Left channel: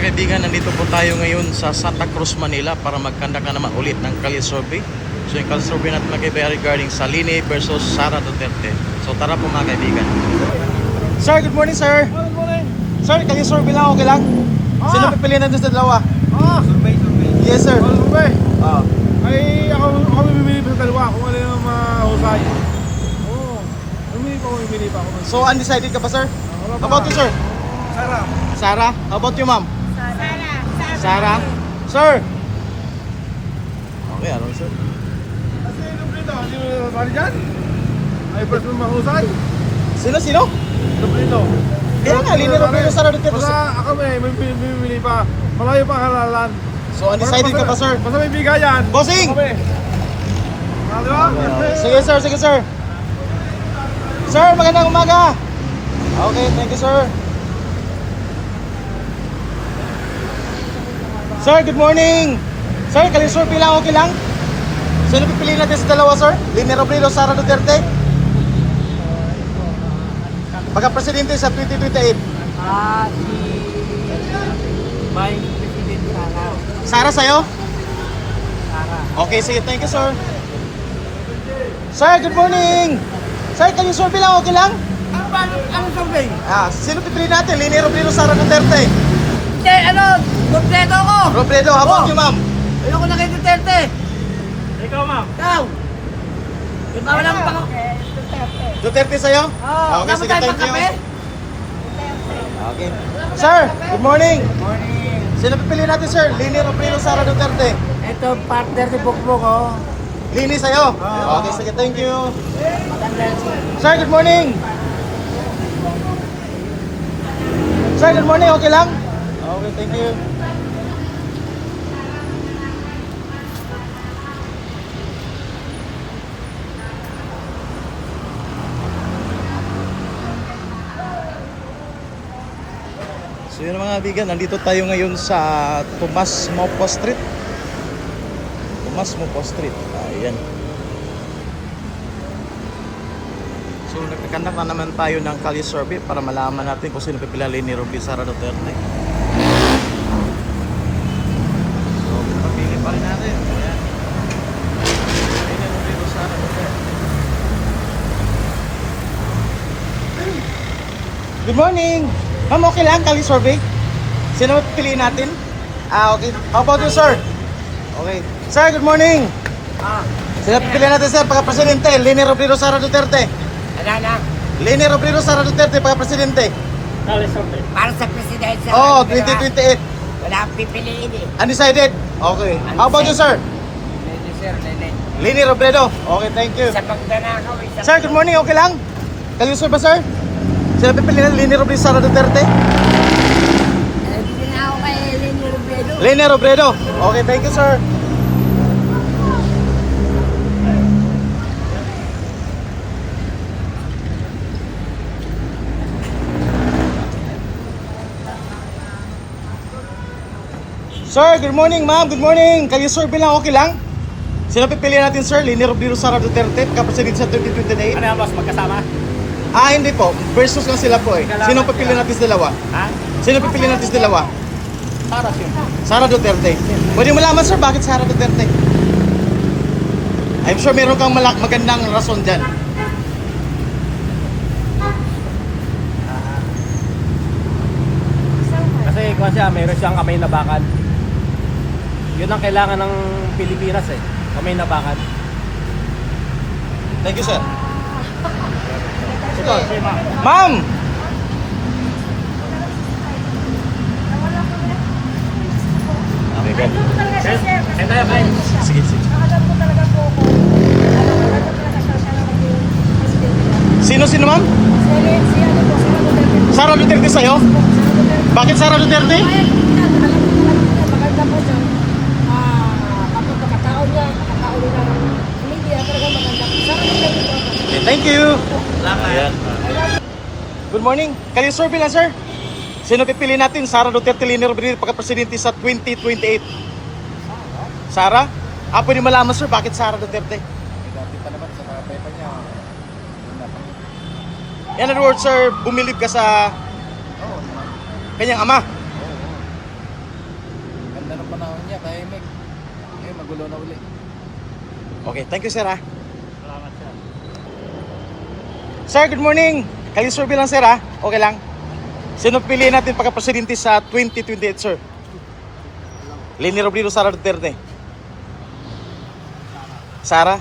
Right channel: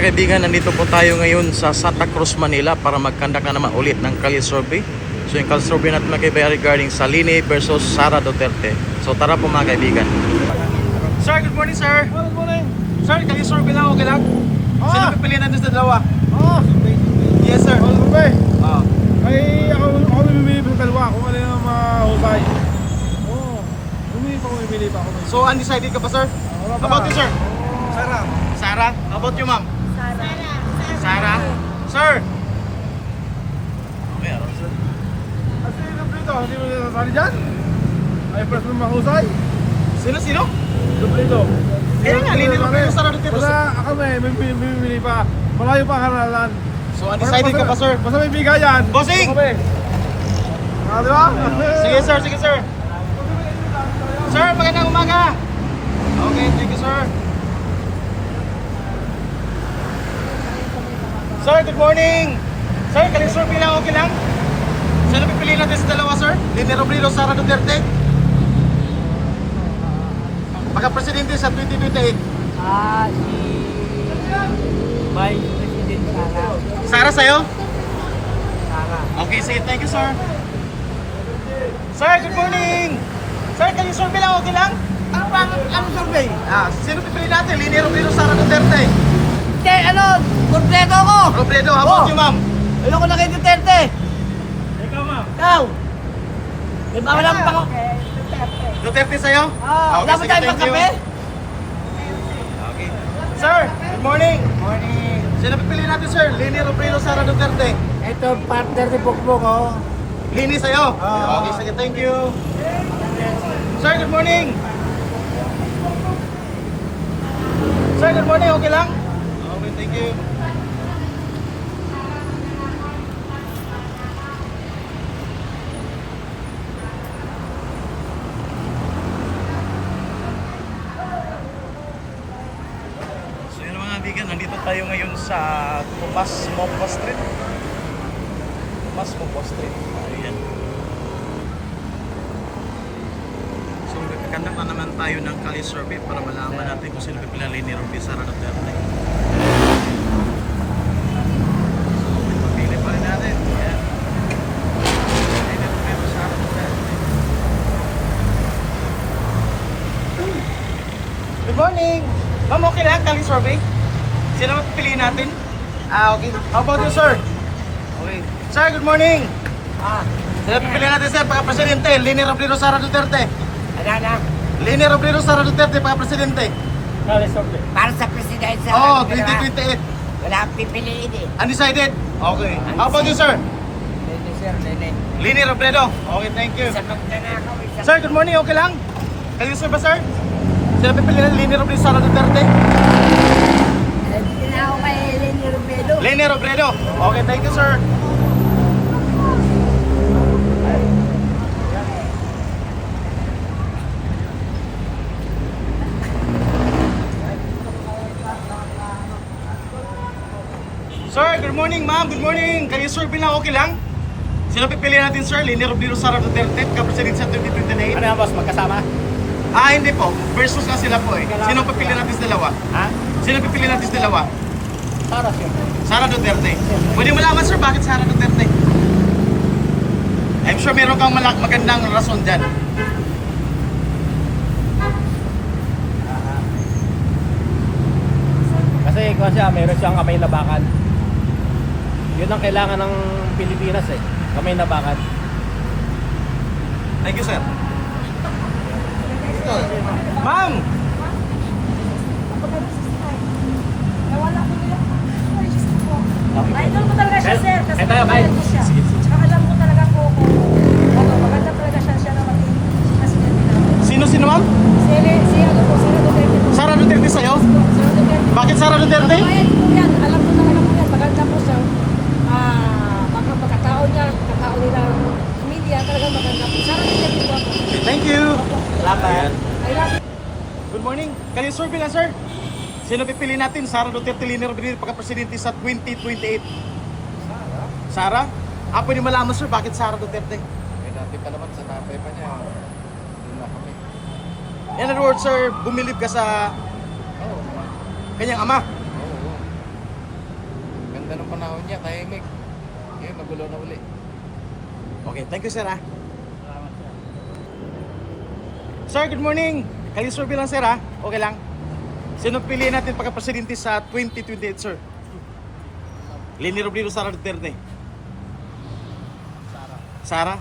mga kaibigan, nandito po tayo ngayon sa Santa Cruz, Manila para mag-conduct na naman ulit ng Kalye survey. So yung Kalye survey natin mga kaibigan regarding sa Lini versus Sara Duterte. So tara po mga kaibigan. Sir, good morning sir. Good morning. Sir, Kalye survey lang, okay lang? Sino pipiliin natin sa dalawa? Survey. Yes sir. Survey. Ah. Ay, ako mamimili pa sa dalawa kung alin ang mahusay. Mamimili pa ako. So undecided ka ba sir? Wala How about you sir? Sarap. Sarah? How about you ma'am? Sarah. Sarah? Sir? Okay, ano sir? Kasi Lubrito, hindi mo nasasali dyan? Ay, press mo mahusay. Sino? Lubrito. Kaya nga, Lini Robredo, Sara Duterte. Basta ako may mamimili pa. Malayo pa ang halalan. So undecided ka ba sir? Basta may bigayan. Bossing! Kami. Di ba? Sige sir. Sir, magandang umaga. Okay, thank you sir. Sir, good morning. Sir, Kalye survey lang, okay lang? Sino pipiliin natin sa dalawa sir? Lini Robredo, Sara Duterte? Pagka-presidente sa 2028. Si Vice President Sara. Sara sa'yo? Sara. Okay, sige, thank you sir. Sir, good morning. Sir, Kalye survey lang, okay lang? Ano survey? Sino pipiliin natin? Lini Robredo, Sara Duterte? Hindi, kompleto ako! Robredo, how about you ma'am? Ano ko na kay Duterte? Ikaw, ma'am. Ikaw! Alam pa ko. Duterte sa'yo? Okay, sige, thank you. Papel? Okay. Sir, good morning. Morning. Sino pipiliin natin sir? Lini Robredo, Sara Duterte? Ito, partner ni Bukbuk, oh. Lini sa'yo? Okay, sige, thank you. Sir, good morning. Sir, good morning. Okay lang? Okay, thank you. So yun mga kaibigan, nandito tayo ngayon sa Tomas Mopo Street. Tomas Mopo Street. Ayan. So nagkakandak na naman tayo ng Kalye survey para malaman natin kung sino pipiliin ni Robredo, Sara Duterte. Pipili pa rin natin. Ayan. Sara Duterte. Good morning! Ma'am, okay lang, Kalye survey? Sino ba pipiliin natin? Okay. How about you, sir? Okay. Sir, good morning! Sino pipiliin natin, sir, pagka-presidente? Lini Robredo, Sara Duterte? Ano? Lini Robredo, Sara Duterte, pagka-presidente? Para sa presidente sa Oh, 2028. Wala akong pipiliin eh. Undecided? Okay. How about you, sir? Lene, sir, Lene. Lini Robredo? Okay, thank you. Sa pagdanako, Sir, good morning, okay lang? Kalye sir ba, sir? Sino pipiliin Lini Robredo, Sara Duterte? Hindi na ako kay Lene Robredo. Lini Robredo? Okay, thank you, sir. Sir, good morning, ma'am. Good morning. Kayo survey lang, okay lang? Sino pipiliin natin, sir? Lini Robredo, Sara Duterte, kapresidente sa 2028? Ano yan, boss? Magkasama? Hindi po. Versus lang sila po eh. Sino pipiliin natin sa dalawa? Sino pipiliin natin sa dalawa? Sara, siyempre. Sara Duterte. Pwede mo malaman, sir, bakit Sara Duterte? I'm sure meron kang magandang rason dyan. Kasi kung siya, mayroon siyang kamay na bakal. Yun ang kailangan ng Pilipinas eh. Kamay na bakal. Thank you, sir. Ma'am! Okay, good. Alam ko talaga siya, sir. Kasi maganda siya. Sige. Alam ko talaga po kung maganda talaga siya na maging presidente. Sino, ma'am? Sara Duterte po. Sara Duterte sa'yo? Sara Duterte. Bakit Sara Duterte? Ay, yan, alam ko talaga po yan. Maganda po siya. Pagkatao niya, pagkatao nila media, talaga maganda po. Sara Duterte po ako. Okay, thank you. Ayan. I love you. Good morning. Kalye survey lang, sir. Sino pipili natin? Sara Duterte, Lini Robredo, pagka-presidente sa 2028? Sara? Pwede malaman, sir, bakit Sara Duterte? Dati pa naman sa tatay pa niya. Doon na kami. In other words, sir, bumilib ka sa Oo naman. kanyang ama. Oo. panahon niya, tahimik. Ngayon, magulo na uli. Okay, thank you sir ha. Sir, good morning. Kayo survey lang sir ha. Okay lang. Sino piliin natin pagka-presidente sa 2028 sir? Leni Robredo, Sara Duterte. Sara?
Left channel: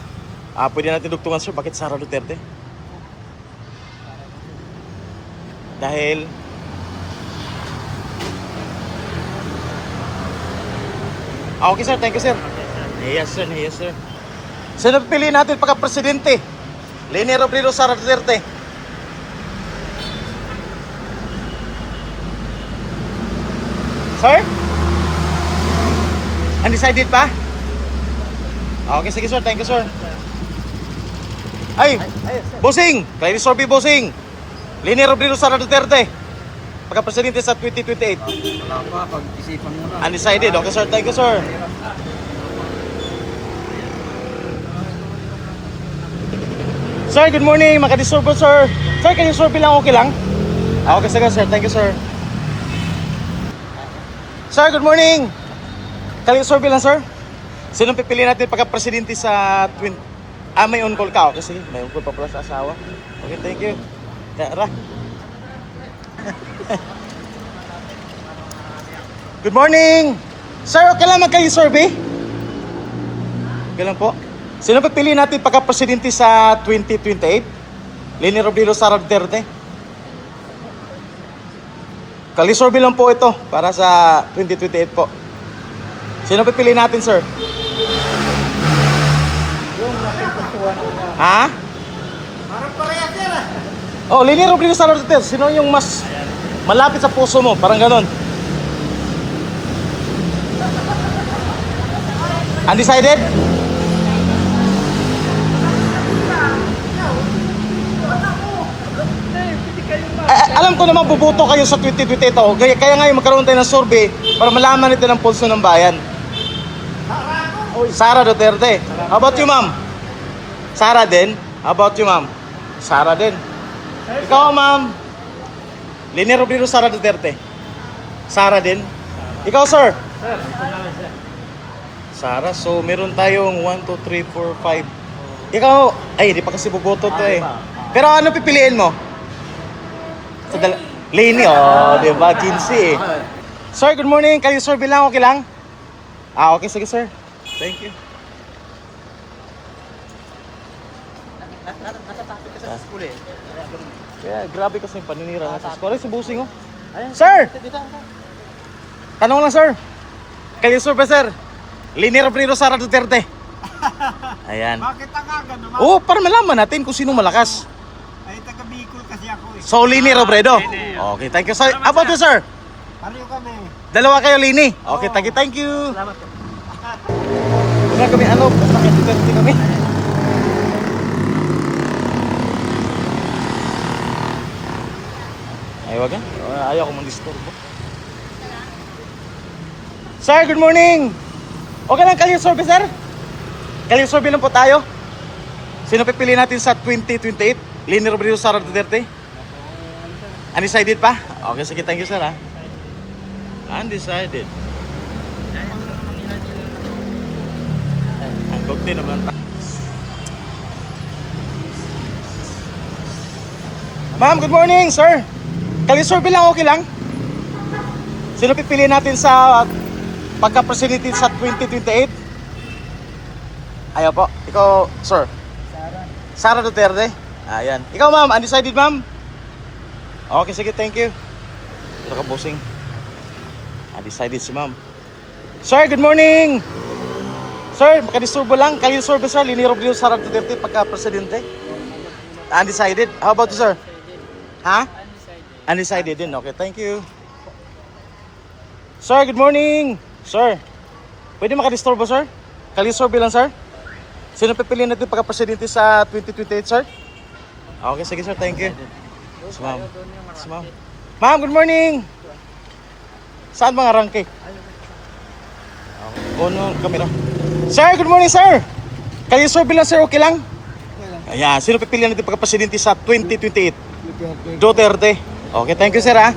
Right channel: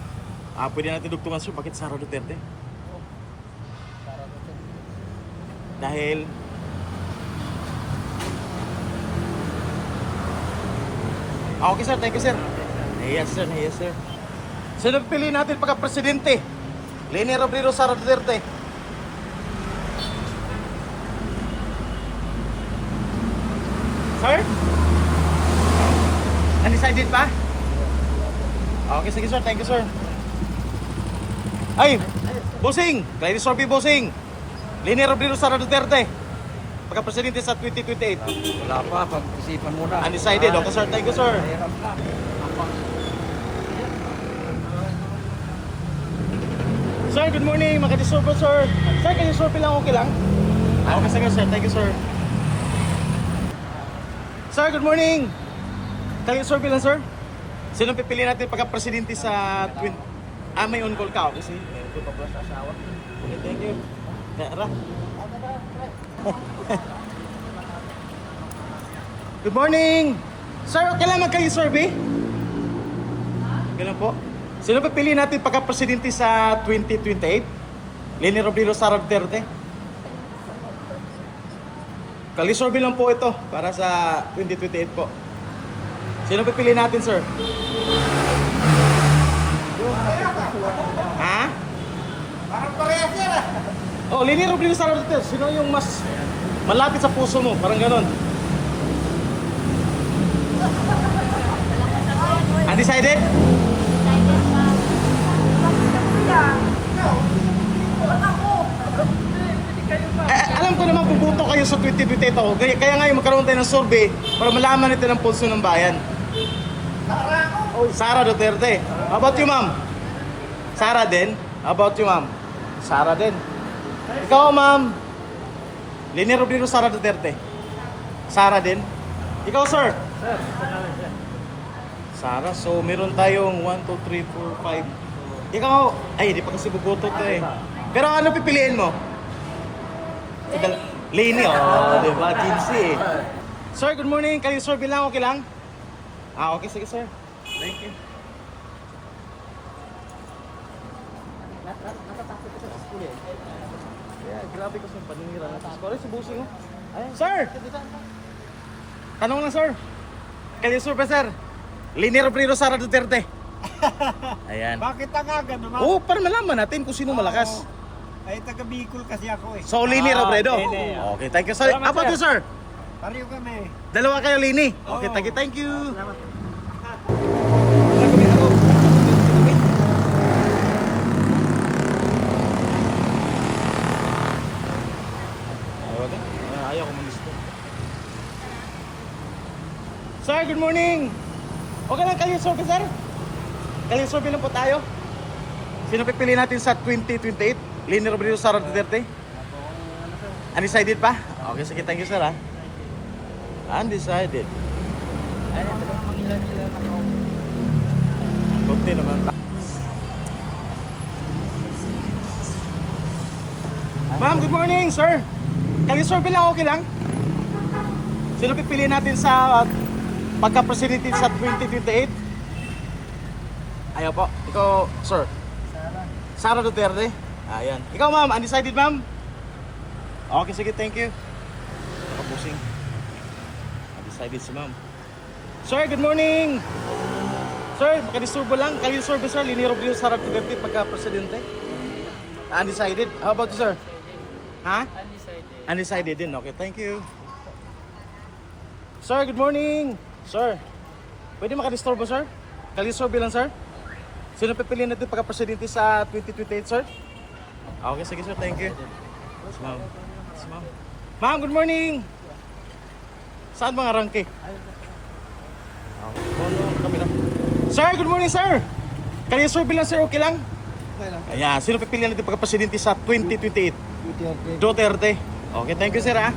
Pwede natin dugtungan sir, bakit Sara Duterte? Dahil okay sir, thank you sir. Yes sir, yes sir. Sino piliin natin pagka-presidente? Leni Robredo, Sara Duterte. Sir? Undecided pa? Okay, sige sir, thank you sir. Ay, bossing! Kayo survey bossing! Leni Robredo, Sara Duterte. Pagka-presidente sa 2028. Wala pa, pag-isipan muna. Undecided, okay sir, thank you sir. Sir, good morning, makadisurbo sir. Sir, can you survey lang, okay lang? Okay sige sir, thank you sir. Sir, good morning. Can you survey lang sir? Sino pipili natin pagka-presidente sa may on call ka? Okay, sige, may on call pa pala sa asawa. Okay, thank you. Tara. Good morning. Sir, okay lang magkayo-survey? Okay lang po. Sino pipili natin pagka-presidente sa 2028? Leni Robredo, Sara Duterte? Kali-survey lang po ito para sa 2028 po. Sino pipili natin, sir? Ha? Parang parehas yan ah. Oh, Leni Robredo, Sara Duterte. Sino yung mas malapit sa puso mo? Parang ganon. Undecided? Alam ko naman buboto kayo sa 2028 ito. Kaya ngayon magkaroon tayo ng survey para malaman natin ang pulso ng bayan. Sara Duterte. How about you, ma'am? Sara din? How about you, ma'am? Sara din. Ikaw, ma'am? Leni Robredo, Sara Duterte. Sara din. Ikaw, sir? Sara. So, meron tayong 1, 2, 3, 4, 5. Ikaw, ay, di pa kasi buboto to eh. Pero ano pipiliin mo? Leni, oh, di ba? 15 eh. Sir, good morning. Kayo survey lang, okay lang? Okay, sige sir. Thank you. Yeah, grabe kasi yung paninira natin. Sorry, si Busing oh. Sir! Tanong lang sir. Kayo survey sir. Leni Robredo, Sara Duterte. Ayan. Bakit ang aga naman? Oh, para malaman natin kung sino malakas. Ay, taga Bicol kasi ako eh. So, Leni Robredo. Okay, thank you sir. How about you sir? Pareho kami. Dalawa kayo, Leni. Okay, thank you. Wala kami ano, nakikita kami. Ay, wag yan. Ayaw ko mag-disturb. Sir, good morning. Okay lang, kalye survey sir? Kalye survey lang po tayo. Sino pipili natin sa 2028? Leni Robredo, Sara Duterte? Undecided pa? Okay, sige, thank you sir ha. Undecided. Ang konti naman. Ma'am, good morning sir. Kalye survey lang, okay lang? Sino pipili natin sa pagka-presidente sa 2028? Ayaw po. Ikaw, sir? Sara Duterte? Ayan. Ikaw, ma'am? Undecided, ma'am? Okay, sige. Thank you. Ito ka, bossing. Undecided si ma'am. Sir, good morning! Sir, makadisturbo lang. Kayo, sir, sir? Leni Robredo, Sara Duterte pagka-presidente? Undecided? How about you, sir? Ha? Undecided din. Okay, thank you. Sir, good morning! Sir, pwede makadisturbo, sir? Kayo, sir, bilang, sir? Sino pipiliin natin pagka-presidente sa 2028, sir? Okay, sige, sir. Thank you. Yes, ma'am. Yes, ma'am. Ma'am, good morning! Saan mga rangke? Okay. Puno ang kamera. Sir, good morning, sir! Kayo, sir, bilang, sir, okay lang? Ayan, sino pipiliin natin pagka-presidente sa 2028? Duterte. Okay, thank you, sir, ha?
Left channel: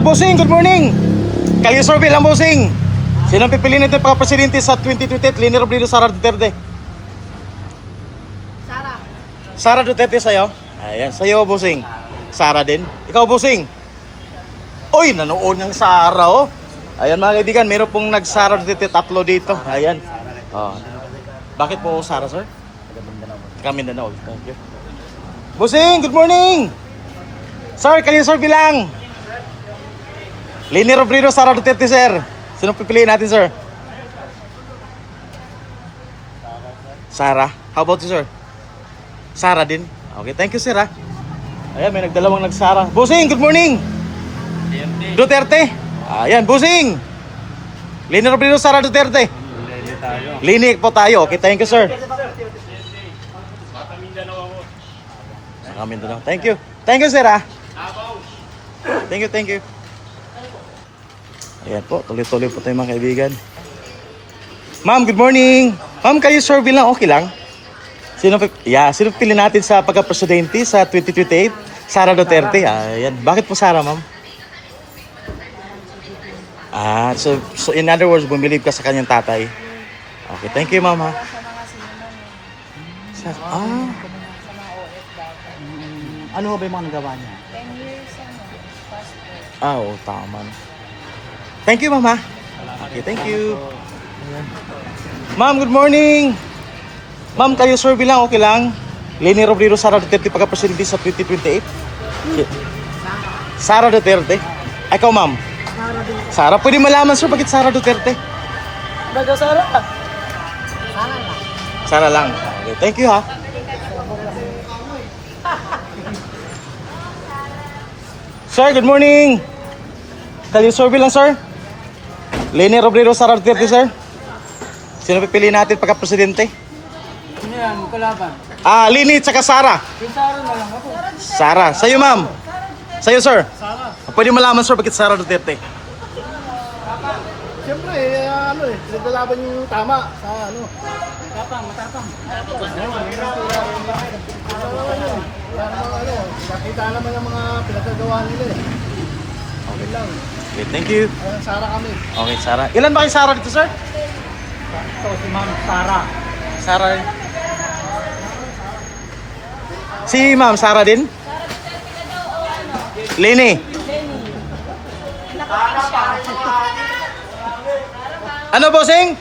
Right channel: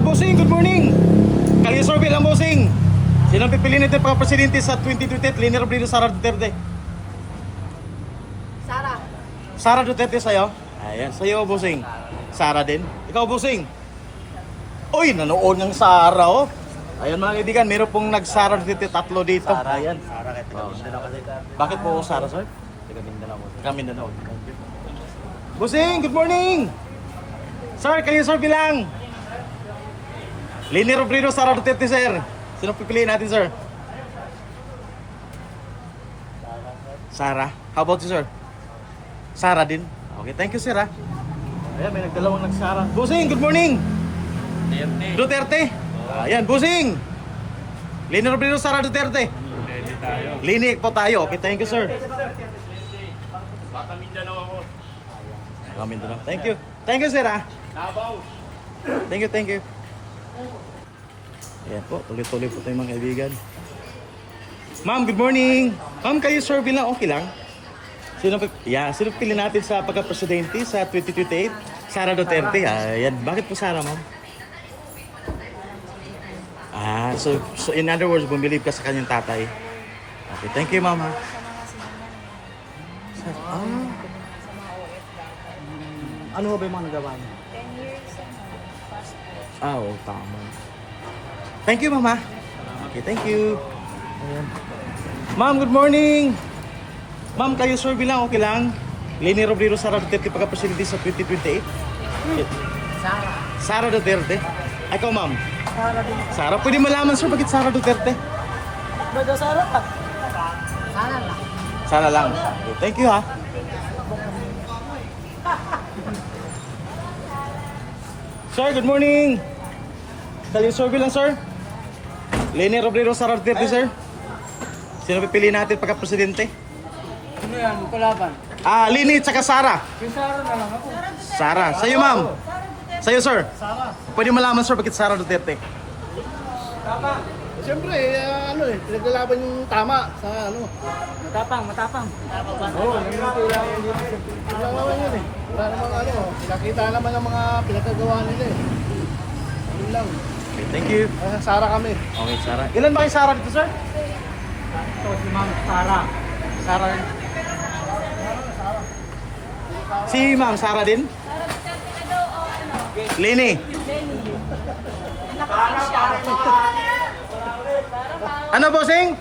Bossing, good morning. Kalye survey lang, Bossing. Sino ang pipiliin natin pagka-presidente sa 2028? Leni Robredo, Sara Duterte? Sara Duterte sa'yo? Ayan, sa'yo, Bossing. Sara din. Ikaw, Bossing. Uy, nanood ng Sara, oh. Ayan, mga kaibigan, meron pong nag-Sara Duterte, 3 dito. Ayan. Oh. Bakit po Sara, sir? Taga Mindanao. Thank you. Bossing, good morning. Sir, kanina sir bilang. Leni Robredo, Sara Duterte, sir. Sino pipiliin natin, sir? Sara. How about you, sir? Sara din. Okay, thank you, sir, ha. Ayan, may nagdalawang nag-Sara. Bossing, good morning. Duterte. Ayan, Bossing. Leni Robredo, Sara Duterte. Leni po tayo. Okay, thank you, sir. Baka Mindanao. Thank you. Thank you, sir, ha. Thank you, thank you. Ayan po, tuloy-tuloy po tayo mga kaibigan. Ma'am, good morning. Ma'am, kayo survey lang, okay lang? Sino pili natin sa pagka-presidente sa 2028? Sara Duterte. Ayan. Bakit po Sara, ma'am? So in other words, bumilib ka sa kanyang tatay. Okay, thank you, ma'am, ha. Sa mga OFW. Ano ba yung mga nagawa niya? 10 years, passport. Oo, tama. Thank you, ma'am, ha. Okay, thank you. Ayan. Ma'am, good morning. Ma'am, kayo survey lang, okay lang? Leni Robredo, Sara Duterte pagka-presidente sa 2028? Okay. Sara Duterte? Ikaw, ma'am? Sara, pwede malaman, sir, bakit Sara Duterte? Sara lang. Sara lang. Okay, thank you, ha. Sir, good morning. Kayo survey lang, sir. Leni Robredo, Sara Duterte, sir. Sino pipiliin natin pagka-presidente? Ano yan? Kalaban. Leni tsaka Sara. Yung Sara na lang ako. Sara. Sa'yo, ma'am. Sa'yo, sir. Sara. Pwede malaman, sir, bakit Sara Duterte? Siyempre, pinaglalaban yung tama sa ano. Matapang. Oo, yung tira ko hindi naman. Pinagawa yun eh. Para mga nakita naman ang mga pinagagawa nila eh. Okay lang. Okay, thank you. Sara kami. Okay, Sara. Ilan ba kayo Sara dito, sir? Ito si Ma'am Sara. Sara. Si ma'am, Sara din? Leni. Ano, bossing?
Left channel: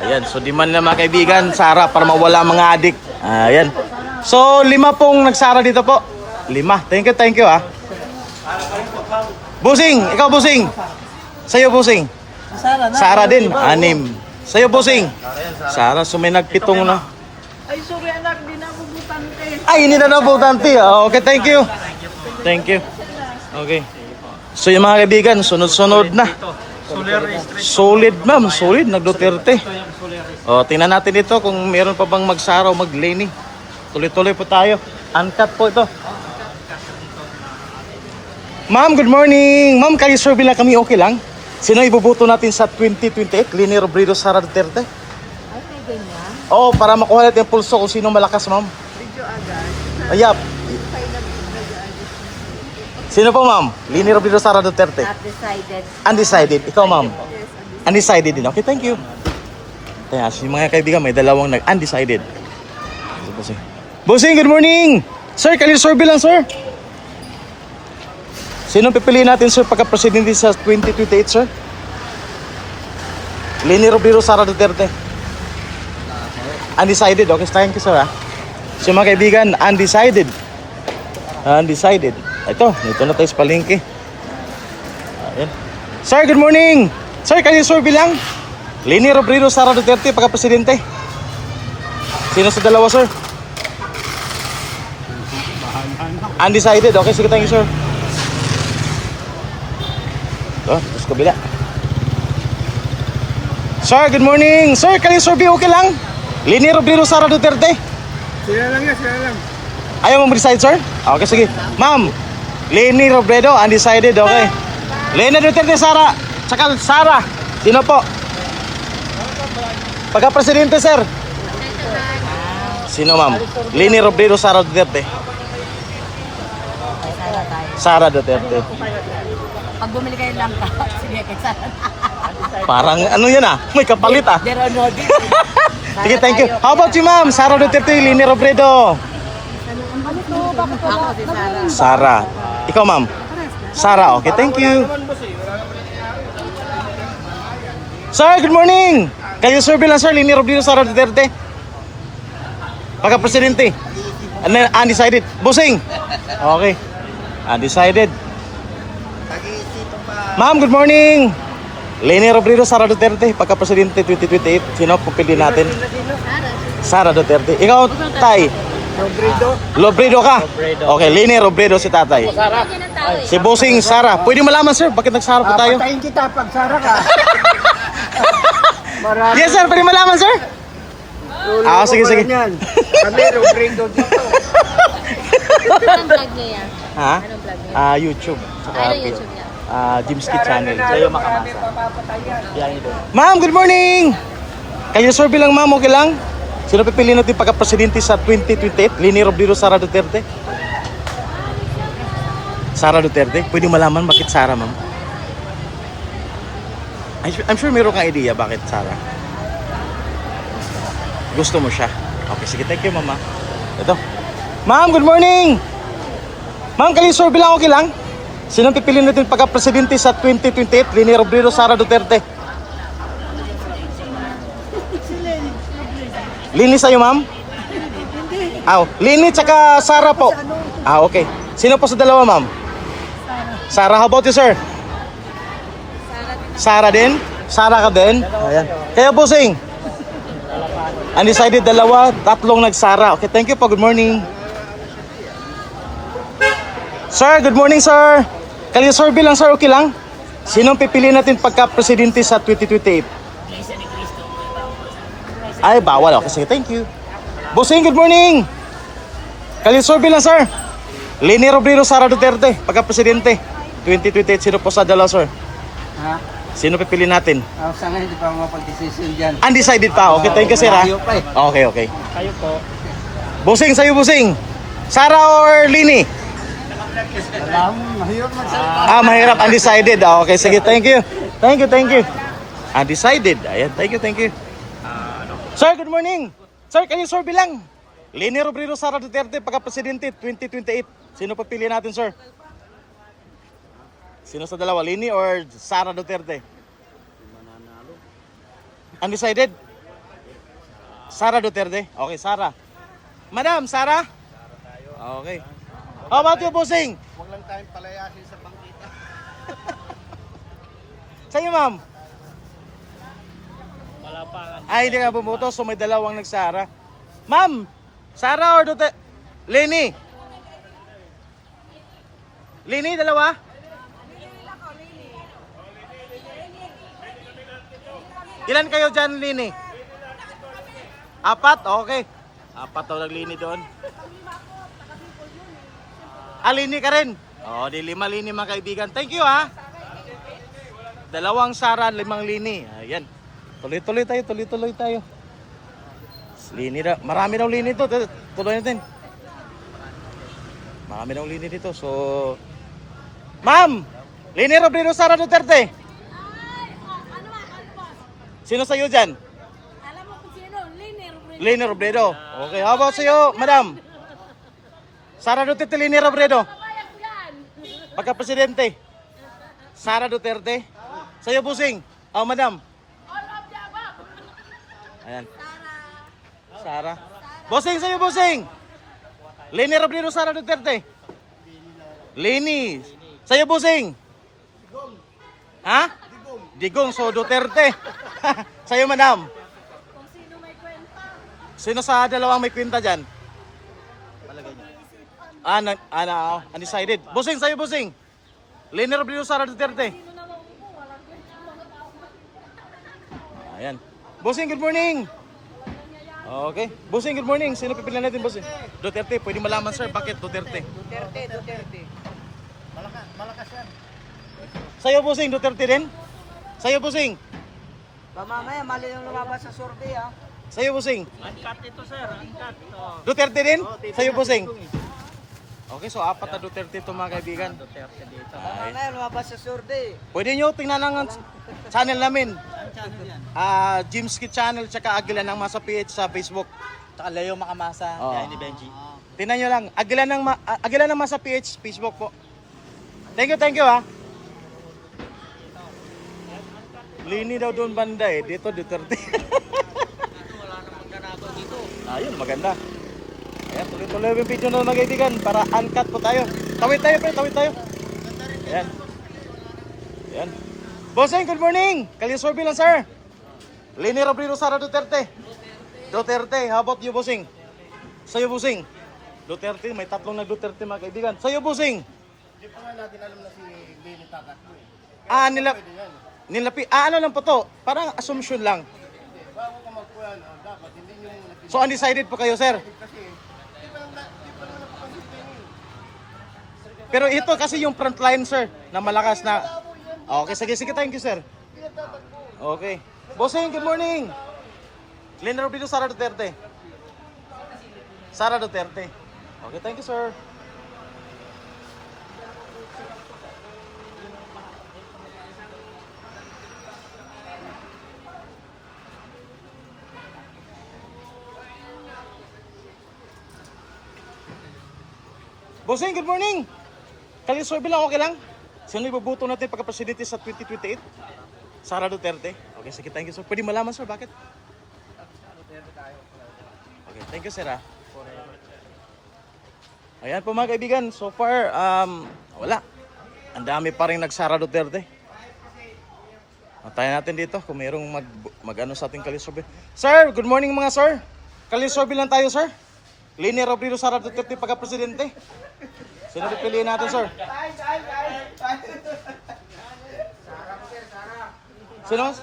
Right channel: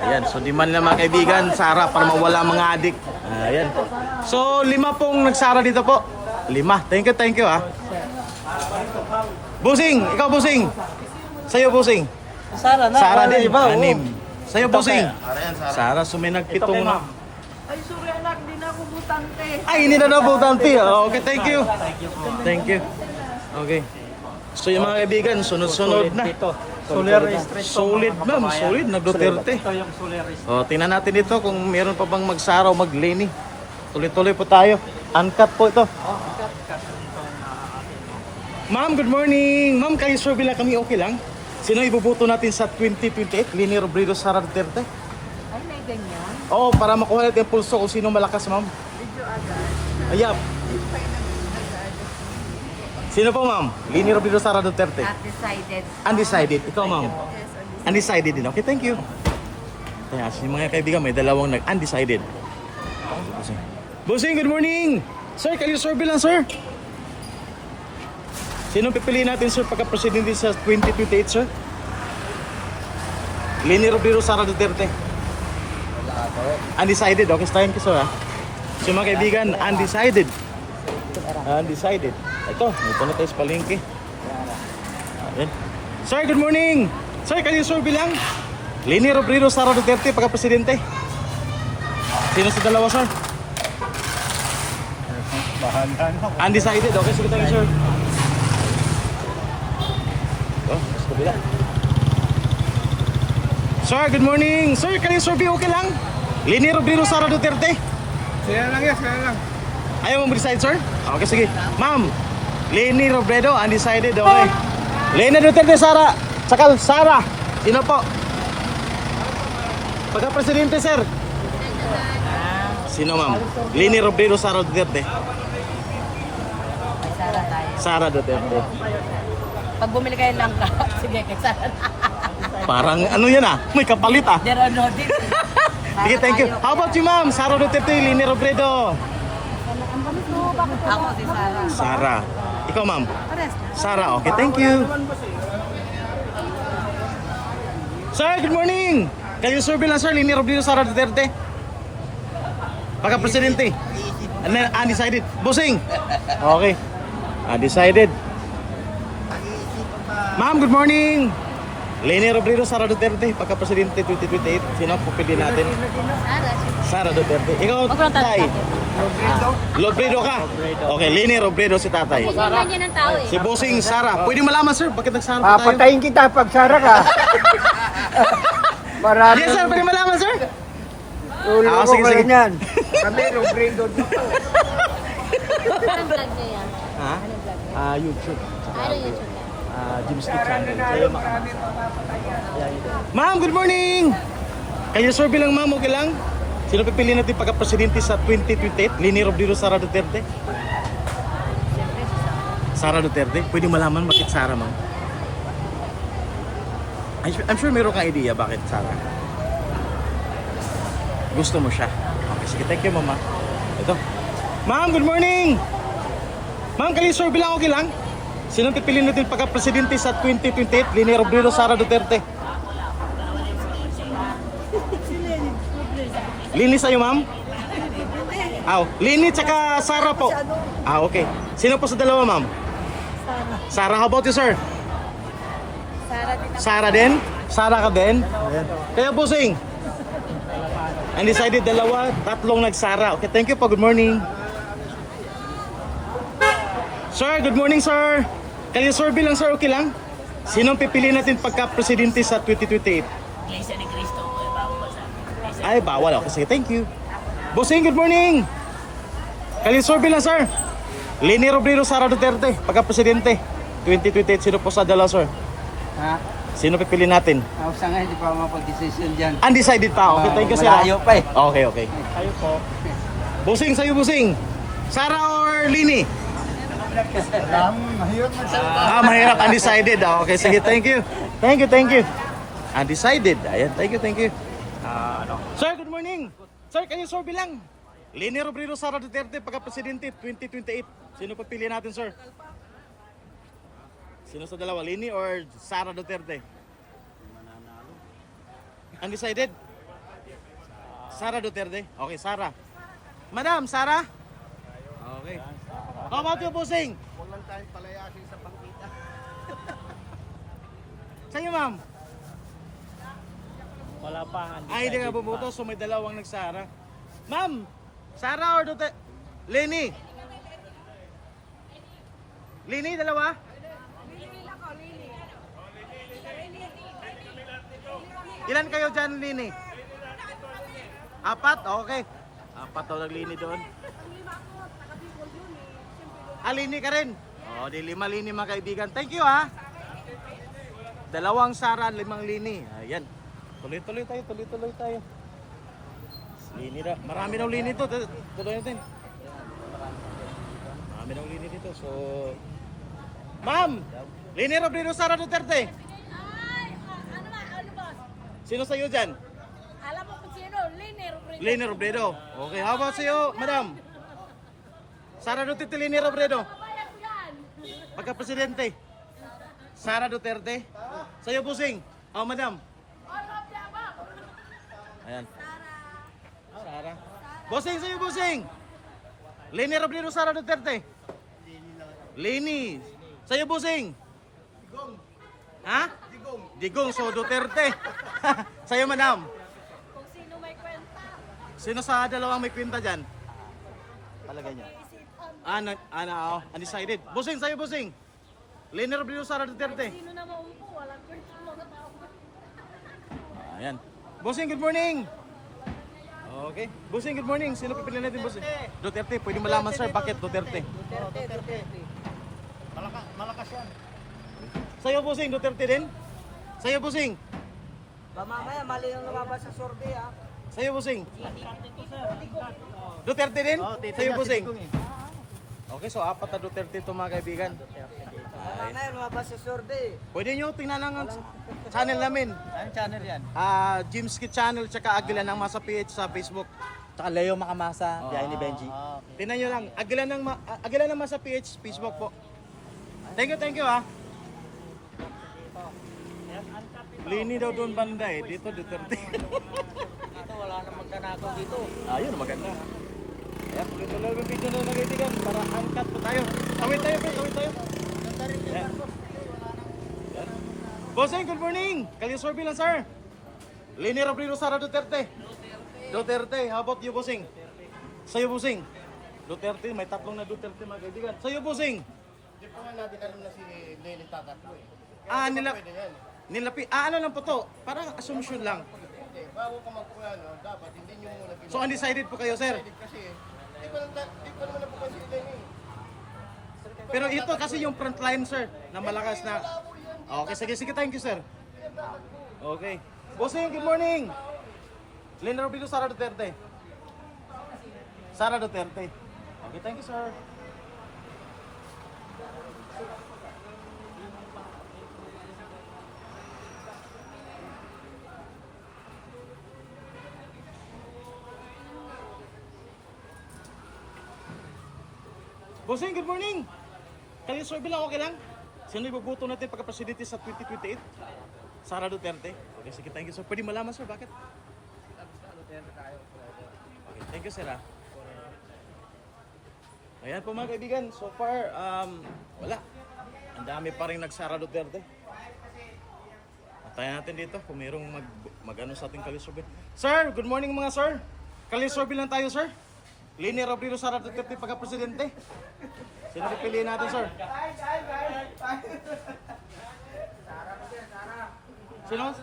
Ayan, so di man lang mga kaibigan, Sara, para mawala mga adik. Ayan. So, 5 pong nagsara dito po. 5. Thank you, ha. Bossing, ikaw, bossing. Sa'yo, bossing. Sara na. Sara din, 6. Sa'yo, bossing. Sara, so may nagpitong na. Ay, sorry anak, di na ako butante. Ay, hindi na nabutante. Okay, thank you. Thank you. Okay. So yung mga kaibigan, sunod-sunod na. Solid, ma'am. Solid, nag-Duterte. Tingnan natin ito kung meron pa bang magsara o mag-Leni. Tuloy-tuloy po tayo. Uncut po ito. Ma'am, good morning. Ma'am, kayo survey lang kami, okay lang? Sino ibubuto natin sa 2028? Leni Robredo, Sara Duterte? Ay, may ganyan. Oo, para makuha natin yung pulso kung sino malakas, ma'am. Video agad. Ayap. Sino po, ma'am? Leni Robredo, Sara Duterte? Not decided. Undecided. Ikaw, ma'am? Undecided din. Okay, thank you. Kaya, yung mga kaibigan, may dalawang nag-undecided. Bossing, good morning! Sir, kayo survey lang, sir. Sino pipiliin natin, sir, pagka-presidente sa 2028, sir? Leni Robredo, Sara Duterte? Undecided. Okay, thank you, sir, ha? So, mga kaibigan, undecided. Undecided. Ito na tayo sa palengke. Ayan. Sir, good morning. Sir, kayo survey lang. Leni Robredo, Sara Duterte, pagka-presidente. Sino sa dalawa, sir? Bahala na. Undecided. Okay, sige, thank you, sir. Tapos kabila. Sir, good morning. Sir, kayo survey, okay lang? Leni Robredo, Sara Duterte. Sila lang yan, sila lang. Ayaw mo decide, sir? Okay, sige. Ma'am, Leni Robredo, undecided, okay. Leni Duterte, Sara. Tsaka Sara. Sino po? Pagka-presidente, sir. Sino, ma'am? Leni Robredo, Sara Duterte. Ay, Sara tayo. Sara Duterte. Pag bumili kayo lang ka, sige, kay Sara. Parang ano yan ah, may kapalit ah. There are no this. Sige, thank you. How about you, ma'am? Sara Duterte, Leni Robredo. Ako si Sara. Sara. Ikaw, ma'am? Pares na. Sara, okay, thank you. Sir, good morning. Kayo survey lang, sir. Leni Robredo, Sara Duterte. Pagka-presidente. Undecided. Busing. Okay. Undecided. Ma'am, good morning. Leni Robredo, Sara Duterte. Pagka-presidente 2028. Sino pupili natin? Sara Duterte. Ikaw, Tay? Robredo ka? Okay, Leni Robredo si tatay. Si Busing, Sara. Pwede malaman, sir, bakit nagsara po tayo? Patayin kita pag Sara ka. Yes, sir, pwede malaman, sir? Sige, sige. Kami, Robredo dito. Anong vlog niya yan? Ha? Anong vlog niya? YouTube. Saka Ano YouTube niya? Jimski Channel. Sa'yo makamasa. Ma'am, good morning! Kayo survey lang, ma'am, okay lang? Sino pipili natin pagka-presidente sa 2028? Leni Robredo, Sara Duterte? Sara Duterte? Pwede malaman bakit Sara, ma'am? I'm sure meron kang idea bakit Sara. Gusto mo siya? Okay, sige. Thank you, mama. Ito. Ma'am, good morning! Ma'am, kayo survey lang, okay lang? Sino pipili natin pagka-presidente sa 2028? Leni Robredo, Sara Duterte? Lini sa'yo, ma'am? Lini tsaka Sara po. Okay. Sino po sa dalawa, ma'am? Sara. How about you, sir? Sara din? Sara ka din? Ayan. Kaya, Busing? Undecided, dalawa, tatlong nagsara. Okay, thank you po. Good morning. Sir, good morning, sir. Kayo survey lang, sir. Okay lang? Sino pipili natin pagka-presidente sa 2028? Ay, bawal. Okay, sige. Thank you. Busing, good morning. Kayo survey lang, sir. Leni Robredo, Sara Duterte, pagka-presidente 2028. Sino po sa dalawa, sir? Ha? Sino pipili natin? Sa ngayon, hindi pa mapag-decision dyan. Undecided pa. Okay, thank you, sir. Ha? Malayo pa eh. Okay, okay. Busing, sa'yo, Busing. Sara or Lini? Mahirap magsalita. Mahirap. Undecided. Okay, sige. Thank you. Thank you, thank you. Undecided. Ayan, thank you, thank you. Sir, good morning. Sir, kayo survey lang. Leni Robredo, Sara Duterte, pagka-presidente 2028. Sino papili natin, sir? Sino sa dalawa? Leni or Sara Duterte? Undecided? Sara Duterte? Okay, Sara. Madam, Sara? Okay. How about you, Busing? Huwag lang tayong palayasin sa pangkita. Sa'yo, ma'am? Ay, hindi nga bumuto, so may dalawang nagsara. Ma'am, Sara or Duterte? Leni? Leni, dalawa? Ilan kayo dyan, Leni? Apat? Okay. Apat daw naglini doon. Lini ka rin? Di 5 Lini mga kaibigan. Thank you, ha? 2 Sara, 5 Lini. Ayan. Tuloy-tuloy tayo. Lini na. Marami daw Lini to. Tuloy natin. Marami daw Lini dito. So, Ma'am! Leni Robredo, Sara Duterte. Sino sa'yo dyan? Alam mo kung sino? Leni Robredo. Leni Robredo. Okay, how about sa'yo, madam? Sara Duterte, Leni Robredo. Pagka-presidente. Sara Duterte. Sa'yo, Busing. Madam. Ayan. Sara. Busing, sa'yo, Busing. Leni Robredo, Sara Duterte. Leni. Sa'yo, Busing. Digong. Ha? Digong, so Duterte. Sa'yo, madam. Kung sino may kwenta. Sino sa dalawang may kwenta dyan? Undecided. Busing, sa'yo, Busing. Leni Robredo, Sara Duterte. Sino na maumpo? Walang kwenta mga tao. Ayan. Busing, good morning. Okay. Busing, good morning. Sino pipilian natin, Busing? Duterte. Pwede malaman, sir, bakit Duterte? Malakas yan. Sa'yo, Busing, Duterte din? Sa'yo, Busing. Mamaya, mali yung lumabas sa survey ha. Sa'yo, Busing. Duterte din? Sa'yo, Busing. Okay, so apat na Duterte ito mga kaibigan. Ay. Mamaya lumabas sa survey. Pwede nyo tingnan ang channel namin. Saan channel yan? Jimski Channel tsaka Agilan ng Masa PH sa Facebook. Tsaka Leo Makamasa, Oo. ni Benji. Tingnan nyo lang. Agilan ng Masa PH Facebook po. Thank you ha. Lini daw doon banda eh. Dito Duterte. Dito wala namang ganapan dito. Ayun, maganda. Ayan, tuloy-tuloy yung video na mga kaibigan para uncut po tayo. Tawid tayo, pre, tawid tayo. Ayan. Ayan. Bossing, good morning. Kalisorbi lang, sir. Lini Robredo, Sara Duterte. Duterte, how about you, bossing? Sa'yo, bossing. Duterte, may tatlong na Duterte mga kaibigan. Sa'yo, bossing. Hindi pa nga natin alam na si Lenny Tagat mo eh. Pwede yan. Ano lang po to? Parang assumption lang. Hindi, bago ka magpuyan, dapat hindi nyo muna So, undecided po kayo, sir. Kasi, di pa naman napupan si Lenny. Pero ito kasi yung front line, sir, na malakas na... Okay, sige, thank you, sir. Okay. Bossing, good morning. Lini Robredo, Sara Duterte. Sara Duterte. Okay, thank you, sir. Bossing, good morning. Kalisorbi lang, okay lang? Sino ibubuto natin pagka-presidente sa 2028? Sara Duterte. Okay, sige, thank you, sir. Pwede malaman, sir, bakit? Okay, thank you, sir, ha? Ayan po mga kaibigan, so far, wala. Ang dami pa rin nagsara Duterte. Antayin natin dito kung mayroong mag-ano sa ating Kalisorbi. Sir, good morning mga sir. Kalisorbi lang tayo, sir. Lini Robredo, Sara Duterte pagka-presidente. Sino pipiliin natin, sir? Sino?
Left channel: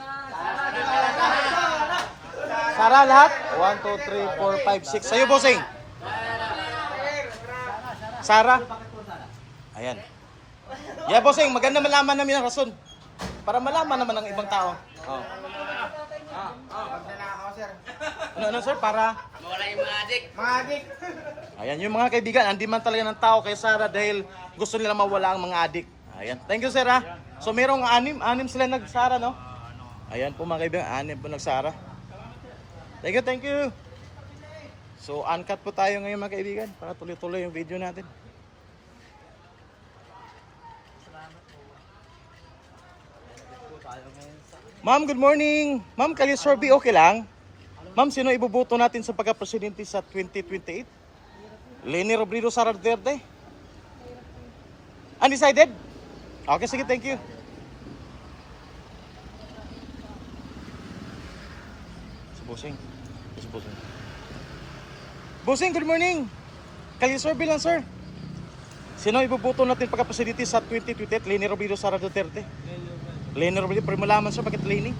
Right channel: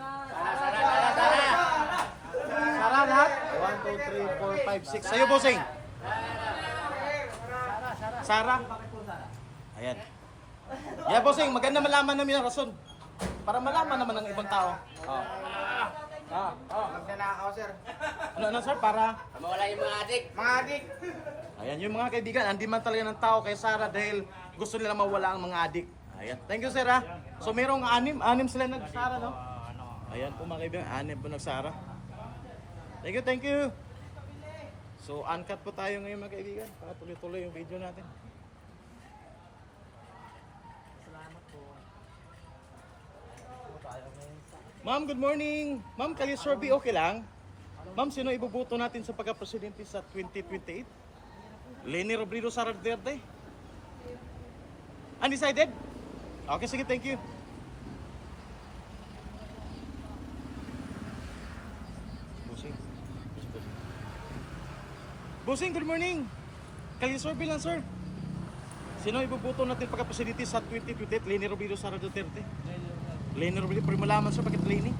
Sara lahat? 1, 2, 3, 4, 5, 6. Sa'yo, bossing. Sara? Ayan. Yeah, bossing. Maganda malaman namin ang rason. Para malaman naman ng ibang tao. Oh. Magnanakaw, sir. Ano, sir? Para? Mawala yung mga adik. Mga adik. Ayan, yung mga kaibigan, hindi man talaga ng tao kay Sara dahil gusto nila mawala ang mga adik. Ayan. Thank you, sir, ha? So, merong anim sila nagsara, no? Ayan po, mga kaibigan, 6 po nagsara. Thank you. So, uncut po tayo ngayon, mga kaibigan, para tuloy-tuloy yung video natin. Ma'am, good morning. Ma'am, Kalisorbi, okay lang? Ma'am, sino ibubuto natin sa pagka-presidente sa 2028? Lini Robredo, Sara Duterte? Undecided? Okay, sige, thank you. Si Bossing. Bossing, good morning. Kalisorbi lang, sir. Sino ibubuto natin pagka-presidente sa 2028? Lini Robredo, Sara Duterte? Lini Robredo, pwede malaman, sir, bakit Lini?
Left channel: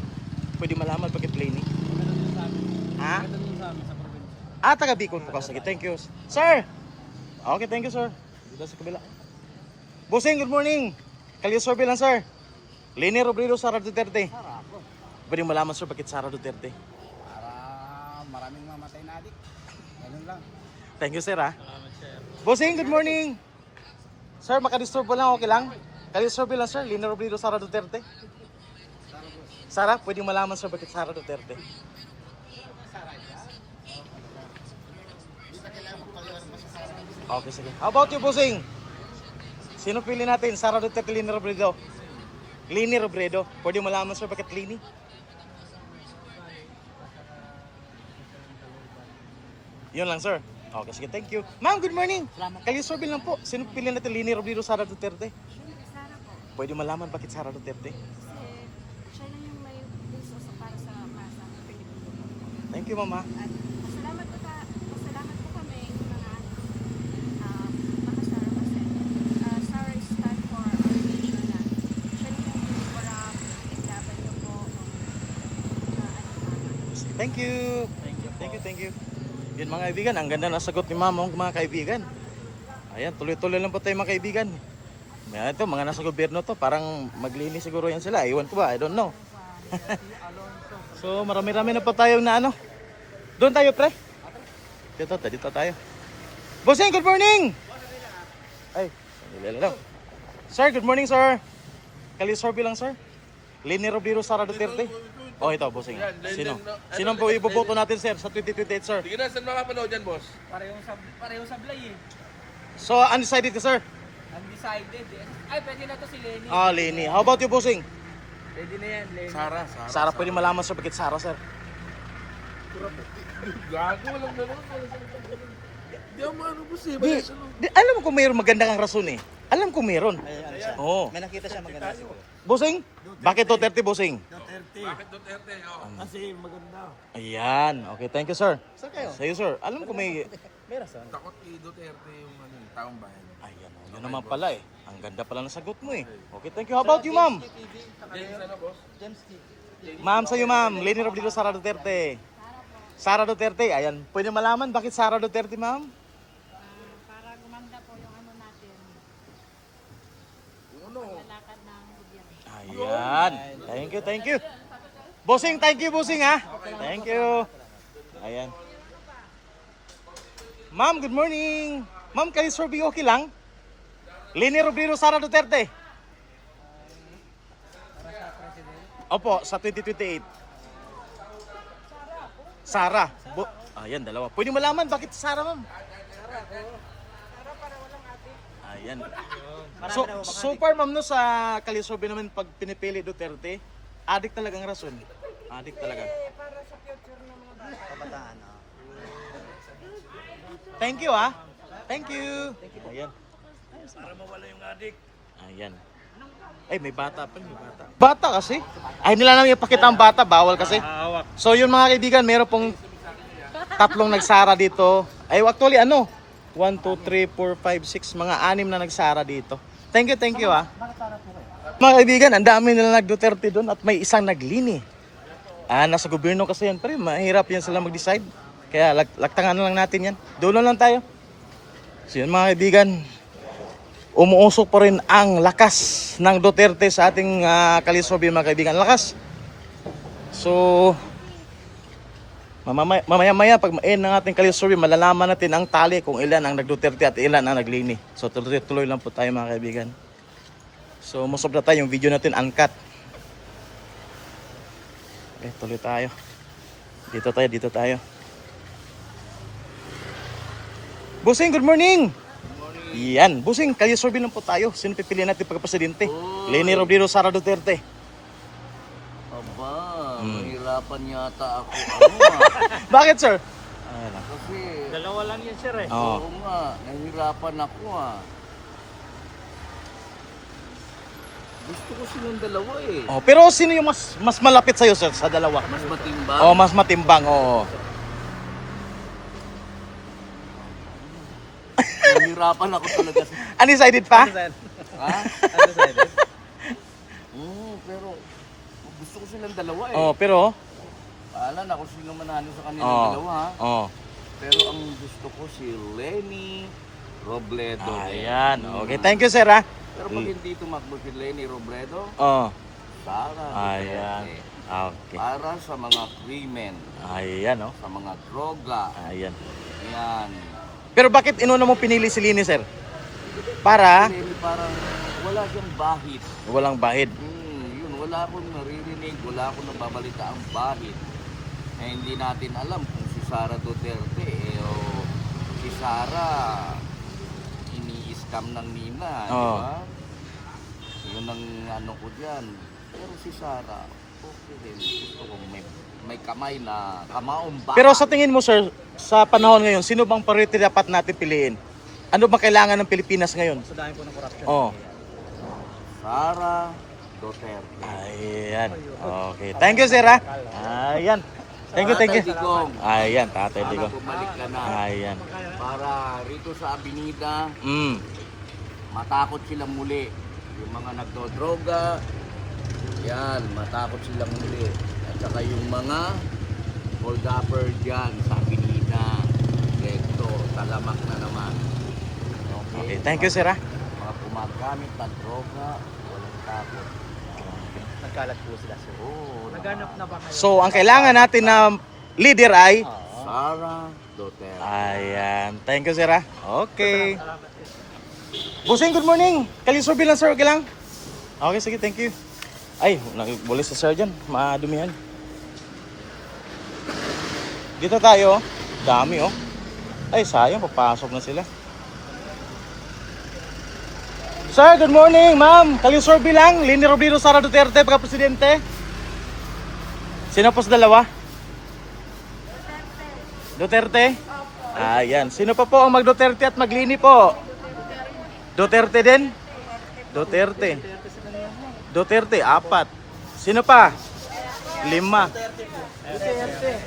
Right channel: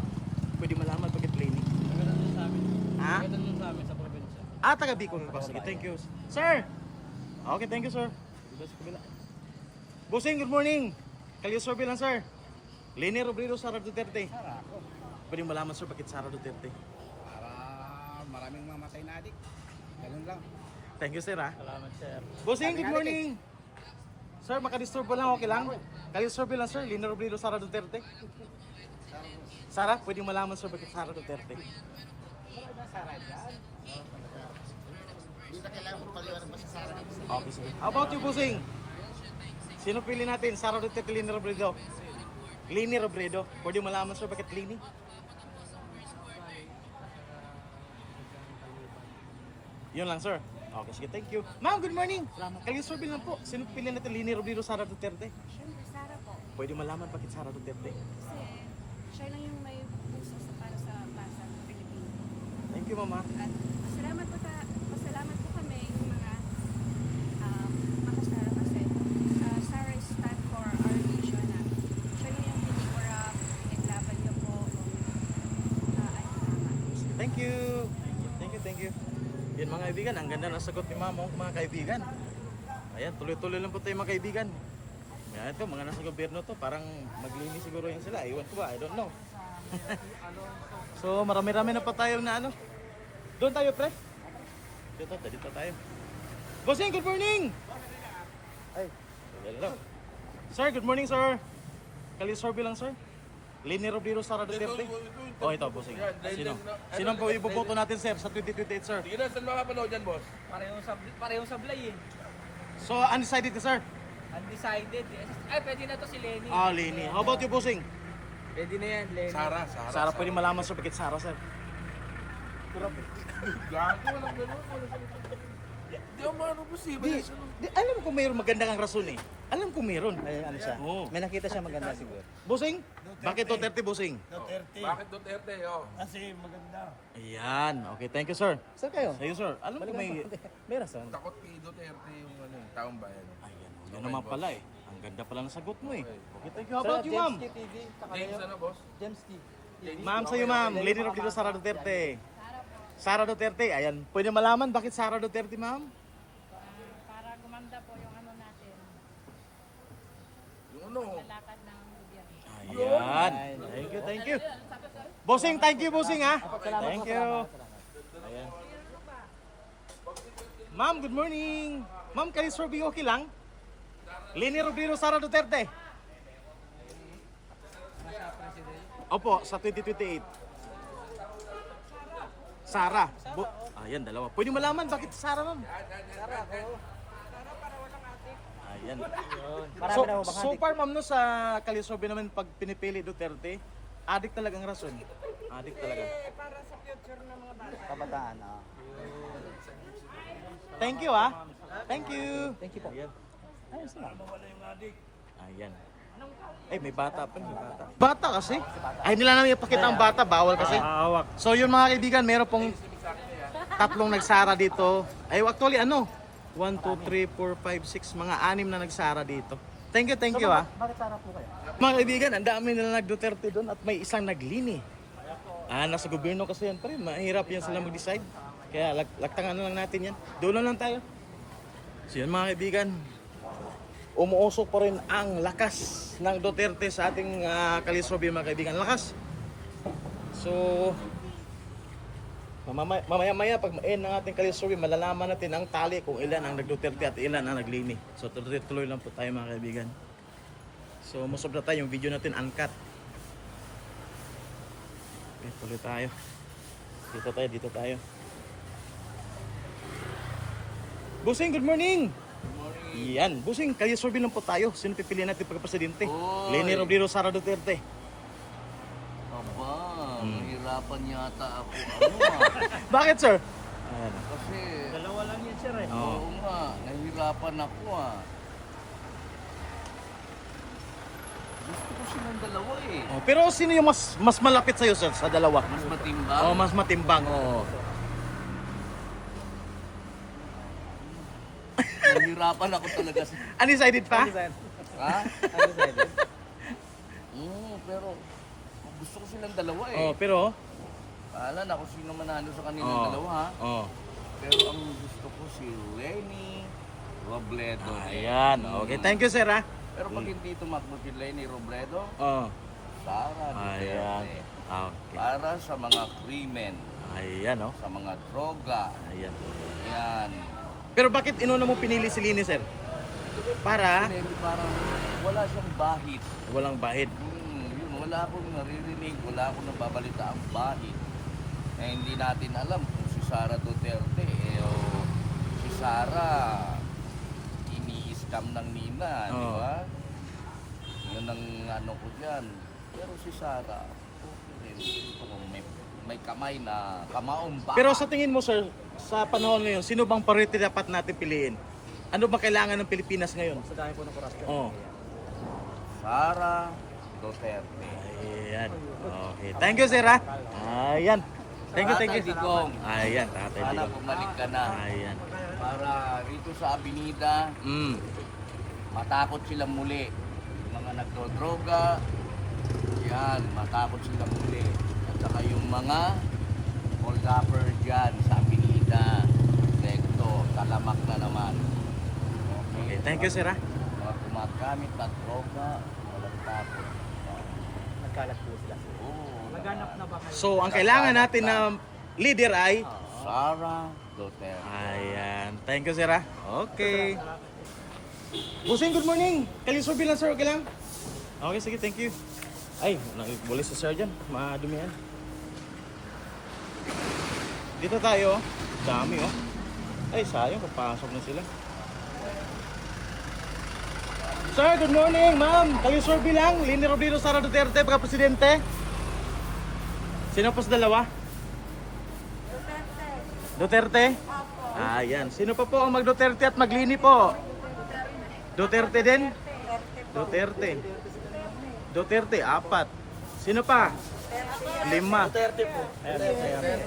Pwede malaman bakit Lini? Maganda dun sa amin. Ha? Maganda dun sa amin, sa probinsya. Taga Bicol po kasi. Thank you. Sir! Okay, thank you, sir. Dito sa kabila. Bossing, good morning. Kalisorbi lang, sir. Lini Robredo, Sara Duterte. Sara ako. Pwede malaman, sir, bakit Sara Duterte? Para maraming mamatay na adik. Ganun lang. Thank you, sir, ha? Salamat, sir. Bossing, good morning. Sir, makadisturbo lang, okay lang? Kalisorbi lang, sir. Lini Robredo, Sara Duterte. Sara, pwede malaman, sir, bakit Sara Duterte? Okay, sige. How about you, Bossing? Sino pili natin? Sara Duterte, Lini Robredo? Lini Robredo. Pwede malaman, sir, bakit Lini? Yun lang, sir. Okay, sige. Thank you. Ma'am, good morning. Kalisorbi lang po. Sino pili natin? Lini Robredo, Sara Duterte? Siyempre, Sara po. Pwede malaman bakit Sara Duterte? Kasi siya lang yung may puso para sa masa ng Pilipino po. Thank you, mama. At pasalamat po kami yung mga makasara kasi Sara stand for our nation na siya lang yung hindi corrupt, pinaglaban niyo po kung ano tama. Thank you. Thank you. Yun mga kaibigan, ang ganda na sagot ni mama mga kaibigan. Ayan, tuloy-tuloy lang po tayo mga kaibigan. Ito, mga nasa gobyerno to, parang maglinis siguro yan sila. Iwan ko ba? I don't know. So, marami-rami na po tayo na ano. Doon tayo, pre. Dito tayo. Bossing, good morning! Ay, dali lang. Sir, good morning, sir. Kalisorbe lang, sir. Leni Robredo, Sara Duterte. Oh, ito, bossing. Sino? Sino ang iboboto natin, sir, sa 2028, sir? Sige na, saan makapanood yan, boss? Parehong sablay eh. So, undecided ka, sir? Undecided eh. Ay, pwede na to si Lenny. Ah, Leni. How about you, bossing? Pwede na yan, Lenny. Sara. Sara, pwede malaman, sir, bakit Sara, sir? Gago, walang ganun. Hindi ako maano posible. Alam mo kung mayroon maganda kang rason eh. Alam ko mayroon. Oo. May nakita siya maganda siguro. Bossing? Bakit Duterte, bossing? Bakit Duterte? Oh. Kasi maganda. Ayan. Okay, thank you, sir. Sir kayo? Sa'yo, sir. Alam ko may... Takot kay Duterte yung taong bayan. Ayan, oh, yun naman pala eh. Ang ganda pala ng sagot mo eh. Okay, thank you. How about you, ma'am? James, ano, boss? Ma'am, sa'yo, ma'am. Leni Robredo, Sara Duterte. Sara Duterte. Ayan. Pwede malaman bakit Sara Duterte, ma'am? Para gumanda po yung ano natin. Paglalakad ng gobyerno. Ayan. Thank you. Bossing, thank you, bossing ha. Thank you. Ayan. Ma'am, good morning. Ma'am, kayo survey okay lang? Leni Robredo, Sara Duterte. Para sa president. Opo, sa 2028. Sara. Ayan, dalawa. Pwede malaman bakit Sara, ma'am? Sara ko. Ayan. So far, ma'am, no, sa kalisobe naman pag pinipili Duterte, adik talagang rason. Adik talaga. Para sa future ng mga bata. Kabataan. Thank you, ah. Thank you. Ayan. Para mawala yung adik. Ayan. Ay, may bata pa, may bata. Bata kasi. Ay, nila namin ipakita ang bata, bawal kasi. So yun mga kaibigan, meron pong tatlong nagsara dito. Ay, actually ano? 1, 2, 3, 4, 5, 6, mga 6 na nagsara dito. Thank you, ah. Bakit Sara po kayo? Mga kaibigan, ang dami nila nag-Duterte doon at may isang naglini. Nasa gobyerno kasi yan, pero mahirap yan sila mag-decide. Kaya lagtangan na lang natin yan. Doon lang tayo. So yan mga kaibigan, umuusok pa rin ang lakas ng Duterte sa ating kalisobe mga kaibigan. Lakas. So, mamaya pag ma-end ng ating kalisobe, malalaman natin ang tali kung ilan ang nag-Duterte at ilan ang naglini. So tuloy lang po tayo mga kaibigan. So masobra tayo yung video natin uncut. Okay, tuloy tayo. Dito tayo. Busing, good morning! Yan, Busing, kalisobe lang po tayo. Sino pipiliin natin pagka-presidente? Leni Robredo, Sara Duterte. Aba, Hmm. mahirapan yata ako. Bakit, sir? Ayan na. Kasi, Dalawa lang yun, sir eh. Oo. oo nga, nahihirapan ako Gusto ko silang dalawa eh. Oh, pero sino yung mas malapit sa'yo, sir, sa dalawa? Mas matimbang. Oh, mas matimbang, oo. Nahihirapan ako talaga. Undecided pa? Ha? Pero gusto ko silang dalawa eh. Oh, pero Alam na kung sino manalo sa kanilang oh. dalawa ha. Oh. Pero ang gusto ko si Lenny Robredo. Ayan. Okay, thank you, sir, ha. Pero pag hindi tumakbo si Lenny Robredo, Oh. Sara Ayan. Duterte. Okay. Para sa mga krimen, Ayan, oh. sa mga droga. Ayan. Yan. Pero bakit inuna mo pinili si Lini, sir? Para Lenny parang wala siyang bahid. walang bahid. Yun, wala akong naririnig, wala akong nababalita ang bahid. Eh, hindi natin alam kung si Sara Duterte o si Sara ini-scam ng Nina, di Oo. ba? Yun ang ano ko dyan. Pero si Sara, okay rin. Gusto ko may kamay na kamaong ba? Pero sa tingin mo, sir, sa panahon ngayon, sino bang priority dapat natin piliin? Ano bang kailangan ng Pilipinas ngayon? Sa dami po ng korupsyon. Oh. Sara Duterte. Ayan. Okay. Thank you, sir, ha. Ayan. Thank you. Tatay Digong, Ayan, Tatay sana Digong. bumalik ka na. Ayan. Para rito sa Abinida, matakot silang muli. Yung mga nagdodroga, yan, matakot silang muli. At saka yung mga hold-upper dyan sa Abinida, Recto, talamak na naman. Okay, thank you, sir, ha. Mga kumagamit ng droga, walang takot. Nagkalat po sila, sir. Oo, Naghanap na ba kayo? So, ang kailangan natin na leader ay... Sara Duterte. Ayan. Thank you, sir, ha. Okay. Bossing, good morning. Kalisurvey lang sir, okay lang? Okay, sige, thank you. Ay, boleh sa sir dyan, madumihan. Dito tayo, oh. Dami oh. Ay, sayang, papasok na sila. Sir, good morning, ma'am. Kalisurvey lang, Leni Robredo, Sara Duterte, pagka-presidente. Sino po sa dalawa? Duterte? Ayan. Sino pa po ang mag-Duterte at mag-Lini po? Duterte din? Duterte. Duterte, 4. Sino pa? 5.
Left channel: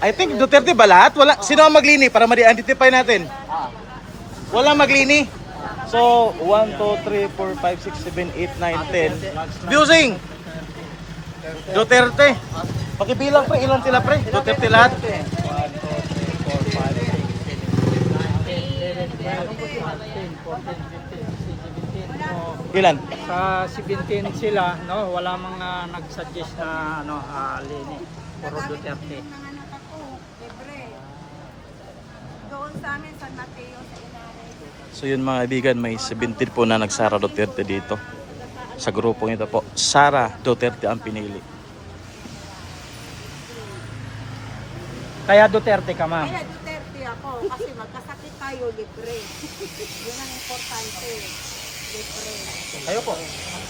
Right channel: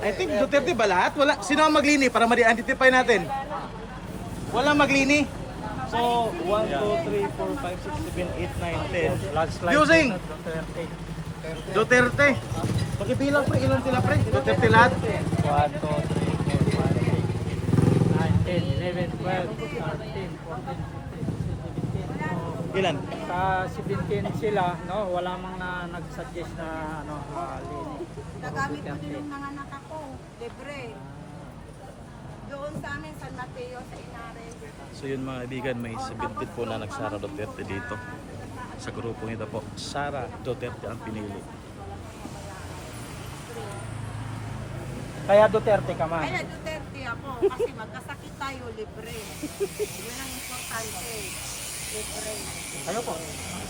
I think Duterte ba lahat? Wala. Sino ang mag-Lini para ma-identify natin? Walang mag-Lini. So, 1, 2, 3, 4, 5, 6, 7, 8, 9, 10. Busing! Duterte. Pakibilang pre, ilan sila pre? Duterte lahat? 1, 2, 3, 4, 5, 6, 7, 8, 9, 10, 11, 12, 13, 14, 15, 16, 17. Ilan? Sa 17 sila, no, wala mga nag-suggest na Lini. Puro Nagamit ko Duterte. din yung mga anak ako, libre. Doon sa amin, San Mateo, sa Inares. So yun mga kaibigan, may 17 po na nagsara Duterte dito. Sa grupong ito po, Sara Duterte ang pinili. Kaya Duterte ka, ma'am. Kaya Duterte ako, kasi magkasakit tayo, libre. Yun ang importante, libre. Kayo po.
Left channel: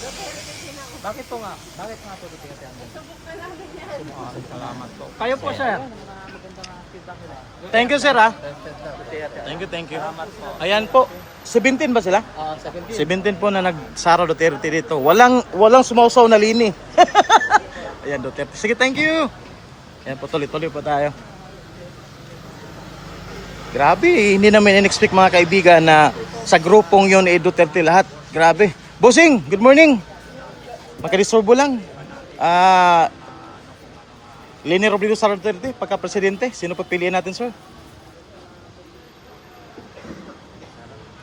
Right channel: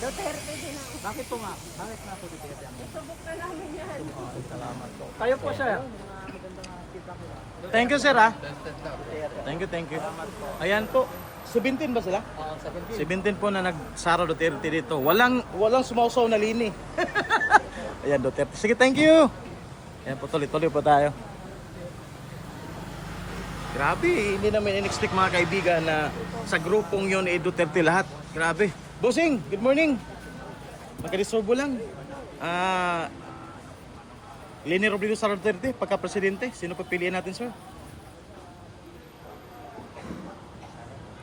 Duterte din ako. Bakit po nga? Bakit nga po Duterte? Subok na namin yan. Kayo po, sir. Thank you sir ah. Thank you. Ayan po, 17 ba sila? 17 po na nagsara Duterte dito. Walang sumausaw na Lini. Ayan Duterte. Sige, thank you. Ayan po, tuloy-tuloy po tayo. Grabe, hindi namin in-expect mga kaibigan na sa grupong yon Duterte lahat. Grabe. Bossing, good morning. Makadisorbo lang. Leni Robredo, Sara Duterte, pagka-presidente. Sino pagpiliin natin, sir?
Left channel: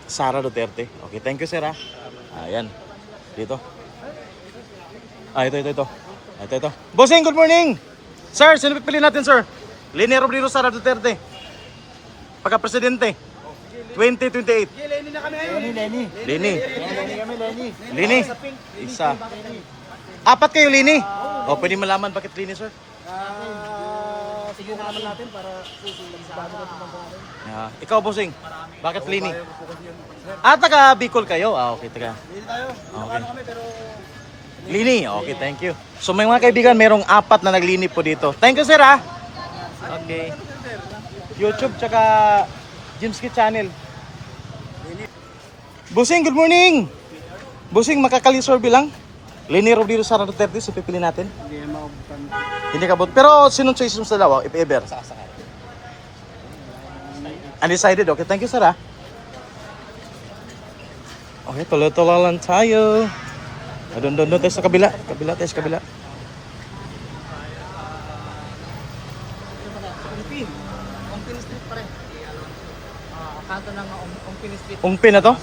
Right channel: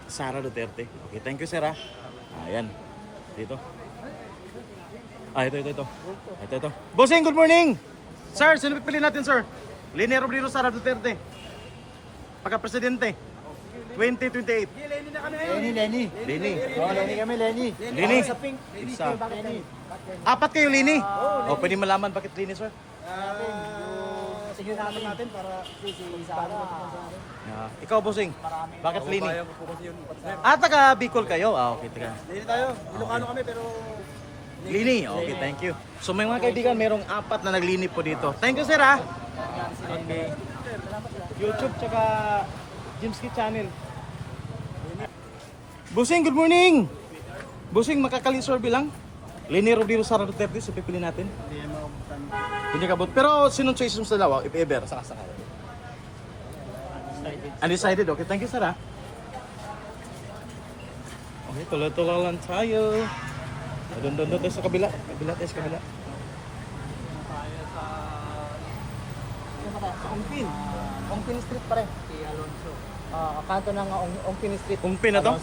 Sara Duterte. Okay, thank you, sir. Ayan. Dito. Ito. Ito. Bossing, good morning. Sir, sino pagpiliin natin, sir? Leni Robredo, Sara Duterte, pagka-presidente. 2028. Leni. Isa. 4 kayo, Leni. O, pwede malaman bakit Leni, sir? Subukan naman natin para bago natin natin. Ikaw, Bossing. Bakit Lini? Taga Bicol kayo? Okay, taga. Hindi tayo. Ilocano kami pero Lini, okay, thank you. So may mga kaibigan, merong 4 na naglini po dito. Thank you, sir, ha? Okay. YouTube, tsaka Jimski Channel. Bossing, good morning! Bossing, makakalisorbe lang. Leni Robredo, Sara Duterte, so pipili natin. hindi na maubutan. Hindi ka but pero sinong choice mo sa dalawa, if ever? Undecided, okay. Thank you, sir, ha? Okay, tuloy-tuloy lang tayo. Doon tayo sa kabila. Kabila. Ongpin Street pa rin. Kanto ng Ongpin Street. Ungpin na to?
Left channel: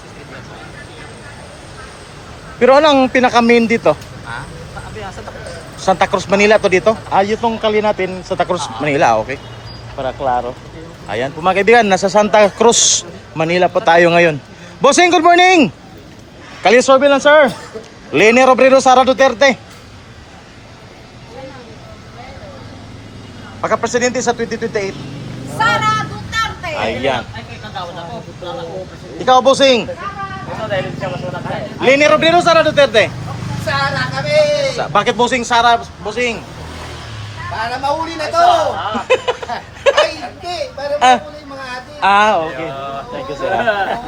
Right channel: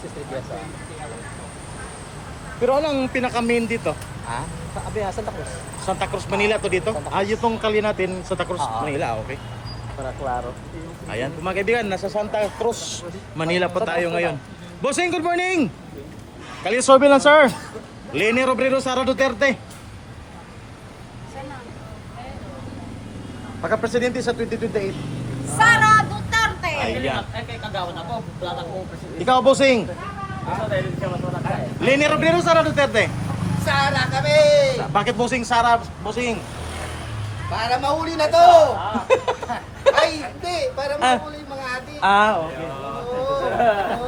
Pero anong pinaka-main dito? Santa Cruz. Santa Cruz, Manila to dito? Itong kali natin, Santa Cruz, Manila, okay. Para klaro. Ayan po mga kaibigan, nasa Santa Cruz, Manila po tayo ngayon. Bossing, good morning! Kalisorbe lang, sir. Leni Robredo, Sara Duterte. Pagka-presidente sa 2028. Sara Duterte! Ayan. Ikaw, Bossing. Leni Robredo, Sara Duterte. Sara kami! Bakit Bossing, Sara, Bossing? Para mahuli na to! Ay, hindi! Para mahuli yung mga adik. Okay. Thank you, sir.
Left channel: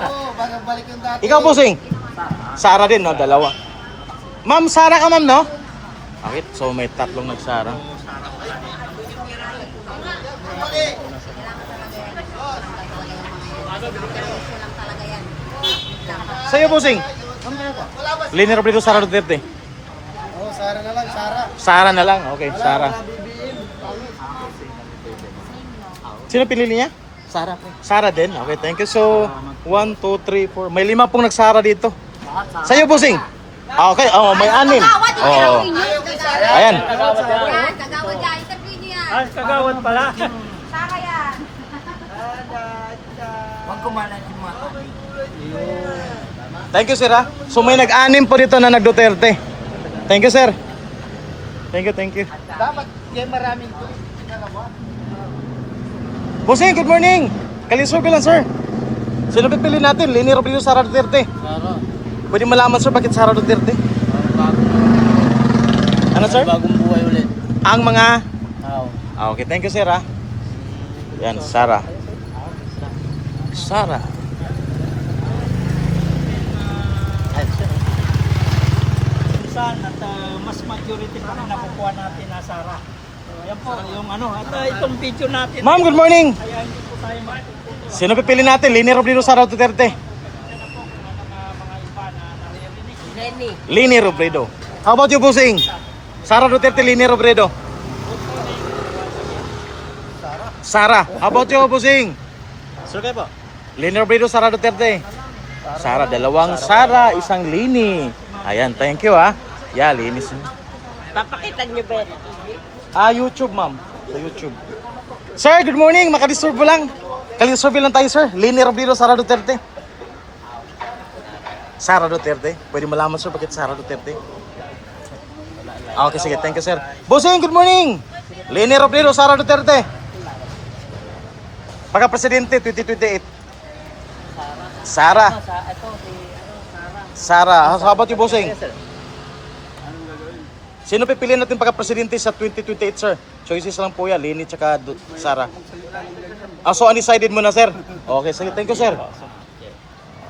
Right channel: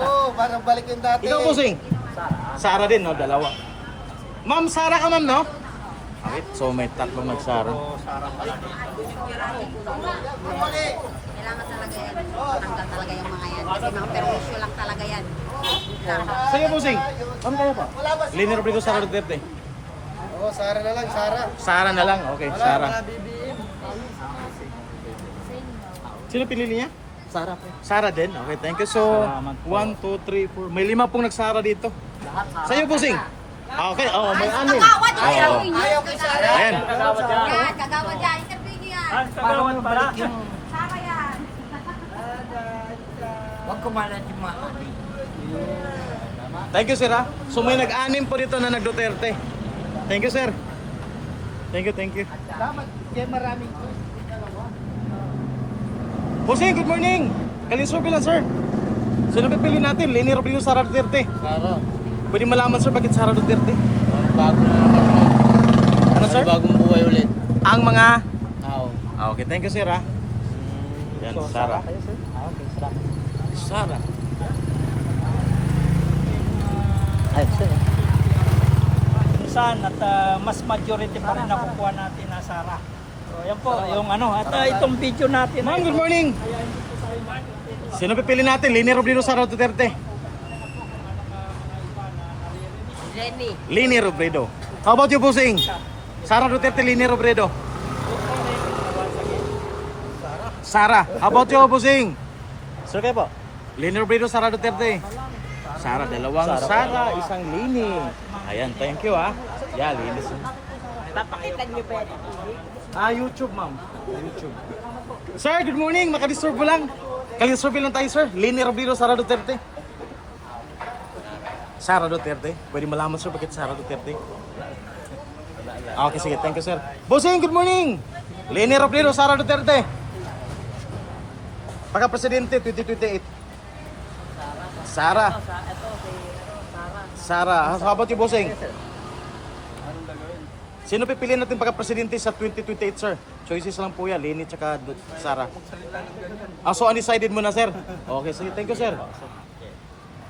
Oo, para balik yung dati. Ikaw, Bossing? Sara din, no? Dalawa. Ma'am, Sara ka, ma'am, no? Okay, so may 3 nagsara. Kailangan talaga yan. Tanggal talaga yung mga yan. Kasi mga perwisyo lang talaga yan. Sa'yo, Bossing? Leni Robredo, Sara Duterte. Oo, Sara na lang, Sara. Sara na lang, okay, Wala, Sara. wala bibiin. Sino pinili niya? Sara. Sara din, okay, thank you. So, 1, 2, 3, 4. May 5 pong nagsara dito. Sa'yo, Bossing? Okay, may 6. Oh. Ayan. Yan, kagawad yan. Interview niyo yan. Kagawad pala. Sara yan. Huwag kumalat yung mga adik. Thank you, sir, ha? So, may nag-anim po dito na nag-Duterte. Thank you, sir. Thank you, thank you. Dapat yan maraming ko. Bossing, good morning. Kalisurvey lang, sir. Sino pipili natin? Leni Robredo, Sara Duterte. Sara. Pwede malaman, sir, bakit Sara Duterte? Parang bago na naman. Ano, sir? Bagong buhay ulit. Ang mga... Oo. Okay, thank you, sir, ha? Yan, Sara. Sara. Minsan at mas majority pa rin nakukuha natin na Sara. So, yan po, yung ano, at itong video natin. Ma'am, good morning. Kaya hindi po tayo Sino pipili natin? Leni Robredo, Sara Duterte. Leni Robredo. How about you, Bossing? Sara Duterte, Leni Robredo. Sara. How about you, Bossing? Sir kayo po? Leni Robredo, Sara Duterte. Sara, dalawang Sara, isang Leni. Ayan, thank you, ha. Yeah, Leni. Papakita niyo pa. YouTube, ma'am. YouTube. Sir, good morning. Makadisturb mo lang. Kalisturb lang tayo, sir. Leni Robredo, Sara Duterte. Sara Duterte. Pwede malaman, sir, bakit Sara Duterte? Okay, sige. Thank you, sir. Bossing, good morning. Leni Robredo, Sara Duterte. Pagka-presidente, 2028. Sara. Sara. How about you, Bossing? Sino pipiliin natin pagka-presidente sa 2028, sir? Choices lang po yan. Leni tsaka Sara. So undecided muna, sir. Okay, sige. Thank you, sir.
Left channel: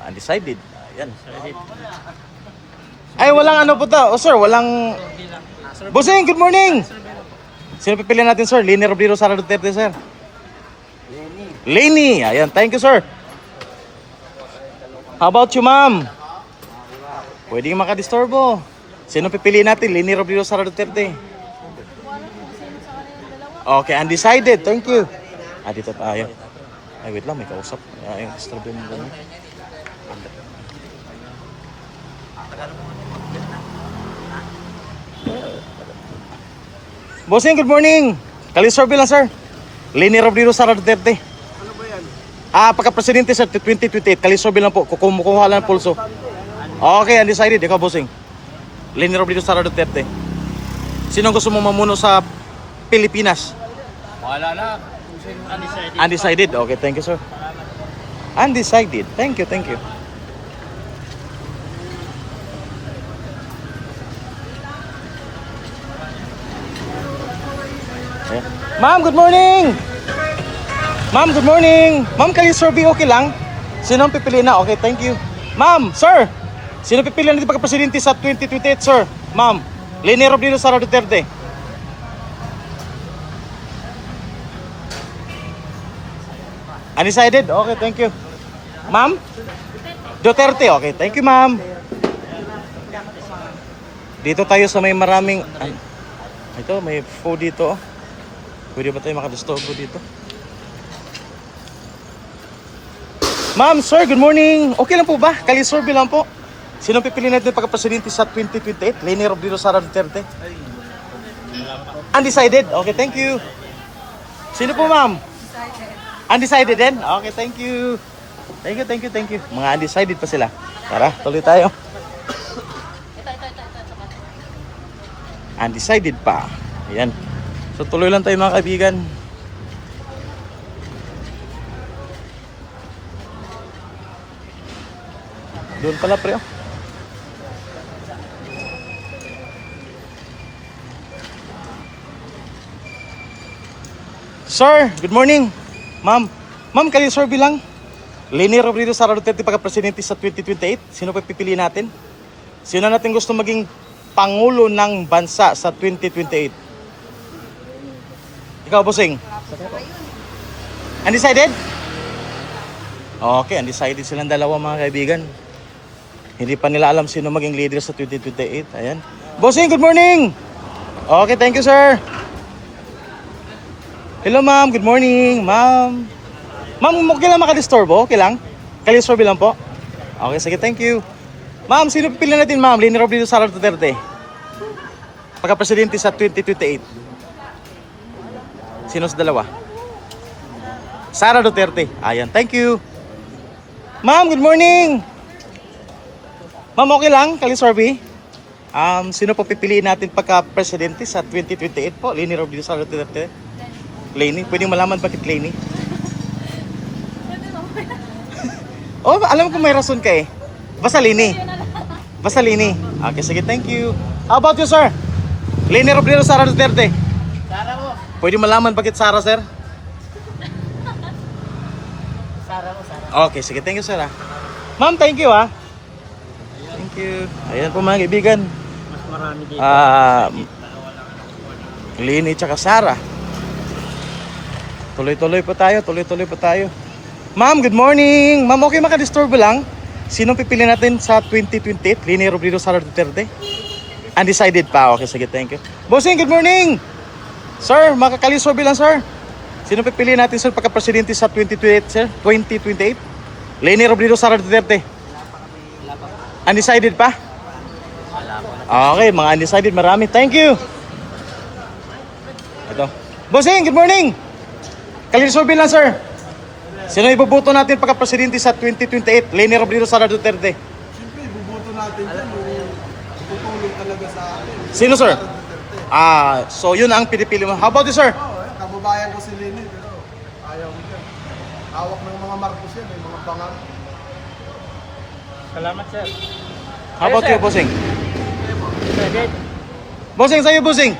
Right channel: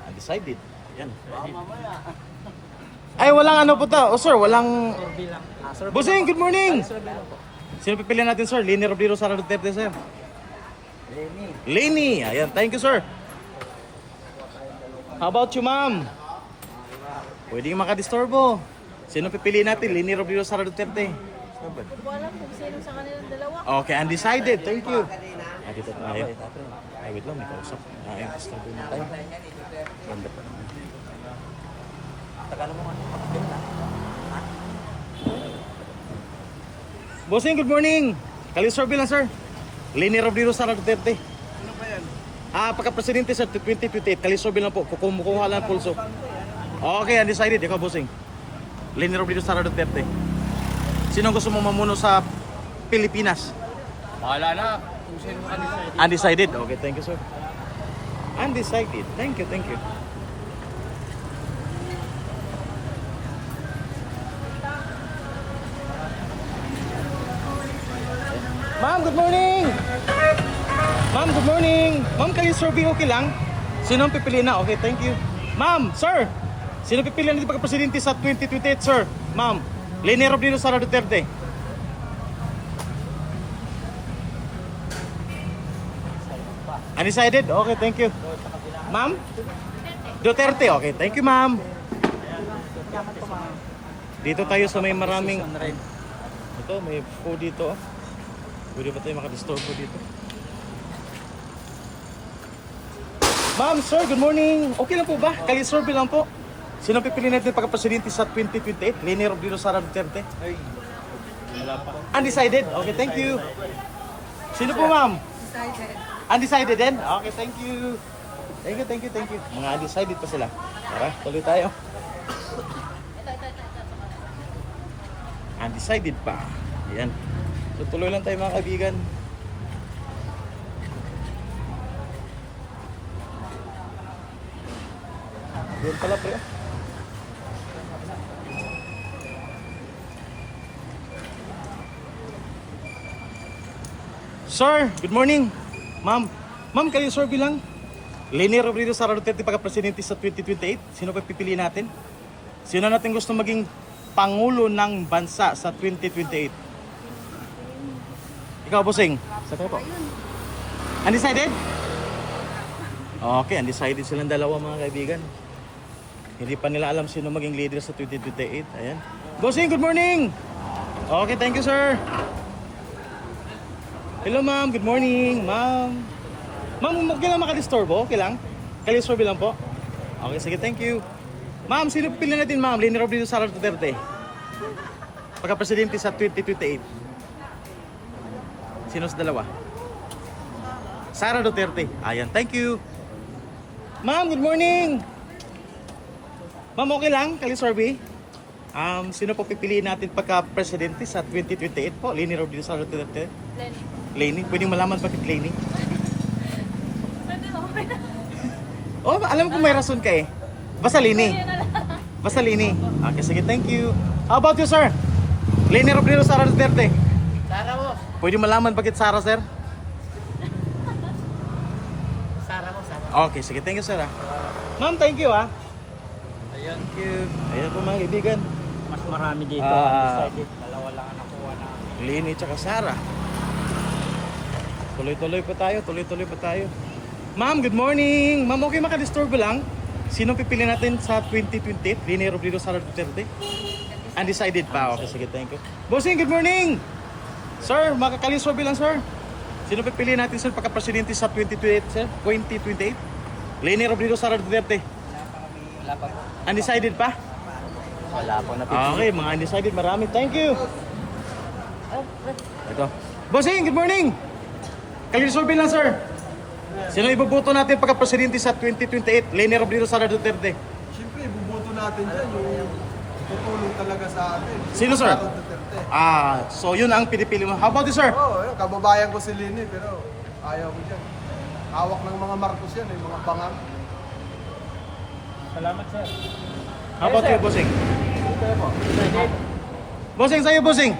Undecided. Ayan. Ay, walang ano po to. Oh, sir, walang... Bossing, good morning. Sino pipiliin natin, sir? Leni Robredo, Sara Duterte, sir. Leni. Ayan, thank you, sir. How about you, ma'am? Pwede yung makadisturbo. Sino pipiliin natin? Leni Robredo, Sara Duterte. Wala kung sino sa kanilang dalawa. Okay, undecided. Thank you. Dito tayo. Ay, wait lang, may kausap. Ayun, disturbo mo lang. Bossing, good morning. Kalisurvey lang, sir. Leni Robredo, Sara Duterte. Ano ba yan? Pagka-presidente, sir, 2028. Kalisurvey lang po. Kumukuha lang ng pulso. Okay, undecided. Ikaw, Bossing. Leni Robredo, Sara Duterte. Sino gusto mo mamuno sa Pilipinas? Bahala na. Undecided. Okay, thank you, sir. Undecided. Thank you, thank you. Ayan. Ma'am, good morning. Ma'am, good morning. Ma'am, kali-survey okay lang? Sino ang pipiliin na? Okay, thank you. Ma'am, sir. Sino pipiliin natin pagka-presidente sa 2028, sir? Ma'am, Leni Robredo, Sara Duterte. Undecided? Okay, thank you. Ma'am? Duterte. Okay, thank you, ma'am. Dito tayo sa may maraming... Ay, ito, may food dito. Oh. Pwede ba tayo makadisturbo dito? Ma'am, sir, good morning. Okay lang po ba? Kali-survey lang po. Sino pipiliin natin pagka-presidente sa 2028? Leni Robredo, Sara Duterte? Undecided? Okay, thank you. Sino po, ma'am? Undecided din? Okay, thank you. Thank you, thank you, thank you. Mga undecided pa sila. Tara, tuloy tayo. Undecided pa. Ayan. So tuloy lang tayo, mga kaibigan. Doon pala, pre. Oh. Sir, good morning. Ma'am, kali-survey lang. Leni Robredo, Sara Duterte pagka-presidente sa 2028. Sino pa pipiliin natin? Sino natin gusto maging pangulo ng bansa sa 2028? Ikaw, Bossing. Undecided? Okay, undecided silang dalawa, mga kaibigan. Hindi pa nila alam sino maging leader sa 2028. Ayan. Bossing, good morning. Okay, thank you, sir. Hello, ma'am. Good morning, ma'am. Ma'am, okay lang makadisturbo? Okay lang? Kali-survey lang po? Okay, sige, thank you. Ma'am, sino pipiliin natin, ma'am? Leni Robredo, Sara Duterte. Pagka-presidente sa 2028. Sino sa dalawa? Sara Duterte. Ayan, thank you. Ma'am, good morning. Ma'am, okay lang, Kalisorbe? Sino po pipiliin natin pagka-presidente sa 2028 po? Leni Robredo Sara Duterte? Leni. Pwede malaman bakit Leni? Oh, alam ko may rason ka eh. Basta Leni. Basta Leni. Okay, sige, thank you. How about you, sir? Leni Robredo Sara Duterte? Sara mo. Pwede malaman bakit Sara, sir? Sara mo, Sara. Okay, sige, thank you, sir. Ma'am, thank you, ah. Thank you. Ayan po mga kaibigan. Mas marami dito. Ah, Dalawa lang ang nakuha namin. Leni tsaka Sara. Tuloy-tuloy pa tayo, tuloy-tuloy pa tayo. Ma'am, good morning. Ma'am, okay makadisturbo lang? Sino pipili natin sa 2028? Leni Robredo Sara Duterte? Undecided pa. Okay, sige, thank you. Bossing, good morning. Sir, makakalisorbe lang, sir. Sino pipili natin, sir, pagka-presidente sa 2028, sir? 2028? Leni Robredo Sara Duterte? Wala pa po. Undecided pa? Wala pa na. Okay, mga undecided, marami. Thank you. Ito. Bossing, good morning. Kalisorbe lang, sir. Sino ibubuto natin pagka-presidente sa 2028? Leni Robredo Sara Duterte? Siyempre, ibubuto natin dyan yung tutulong talaga sa atin. Sino, sir? Sara Duterte. So yun ang pinipili mo. How about you, sir? Oo, kababayan ko si Leni, pero ayaw ko dyan. Hawak ng mga Marcos yan, yung mga bangang. Salamat, sir. How about you, Bossing? Bossing, sa'yo, Bossing?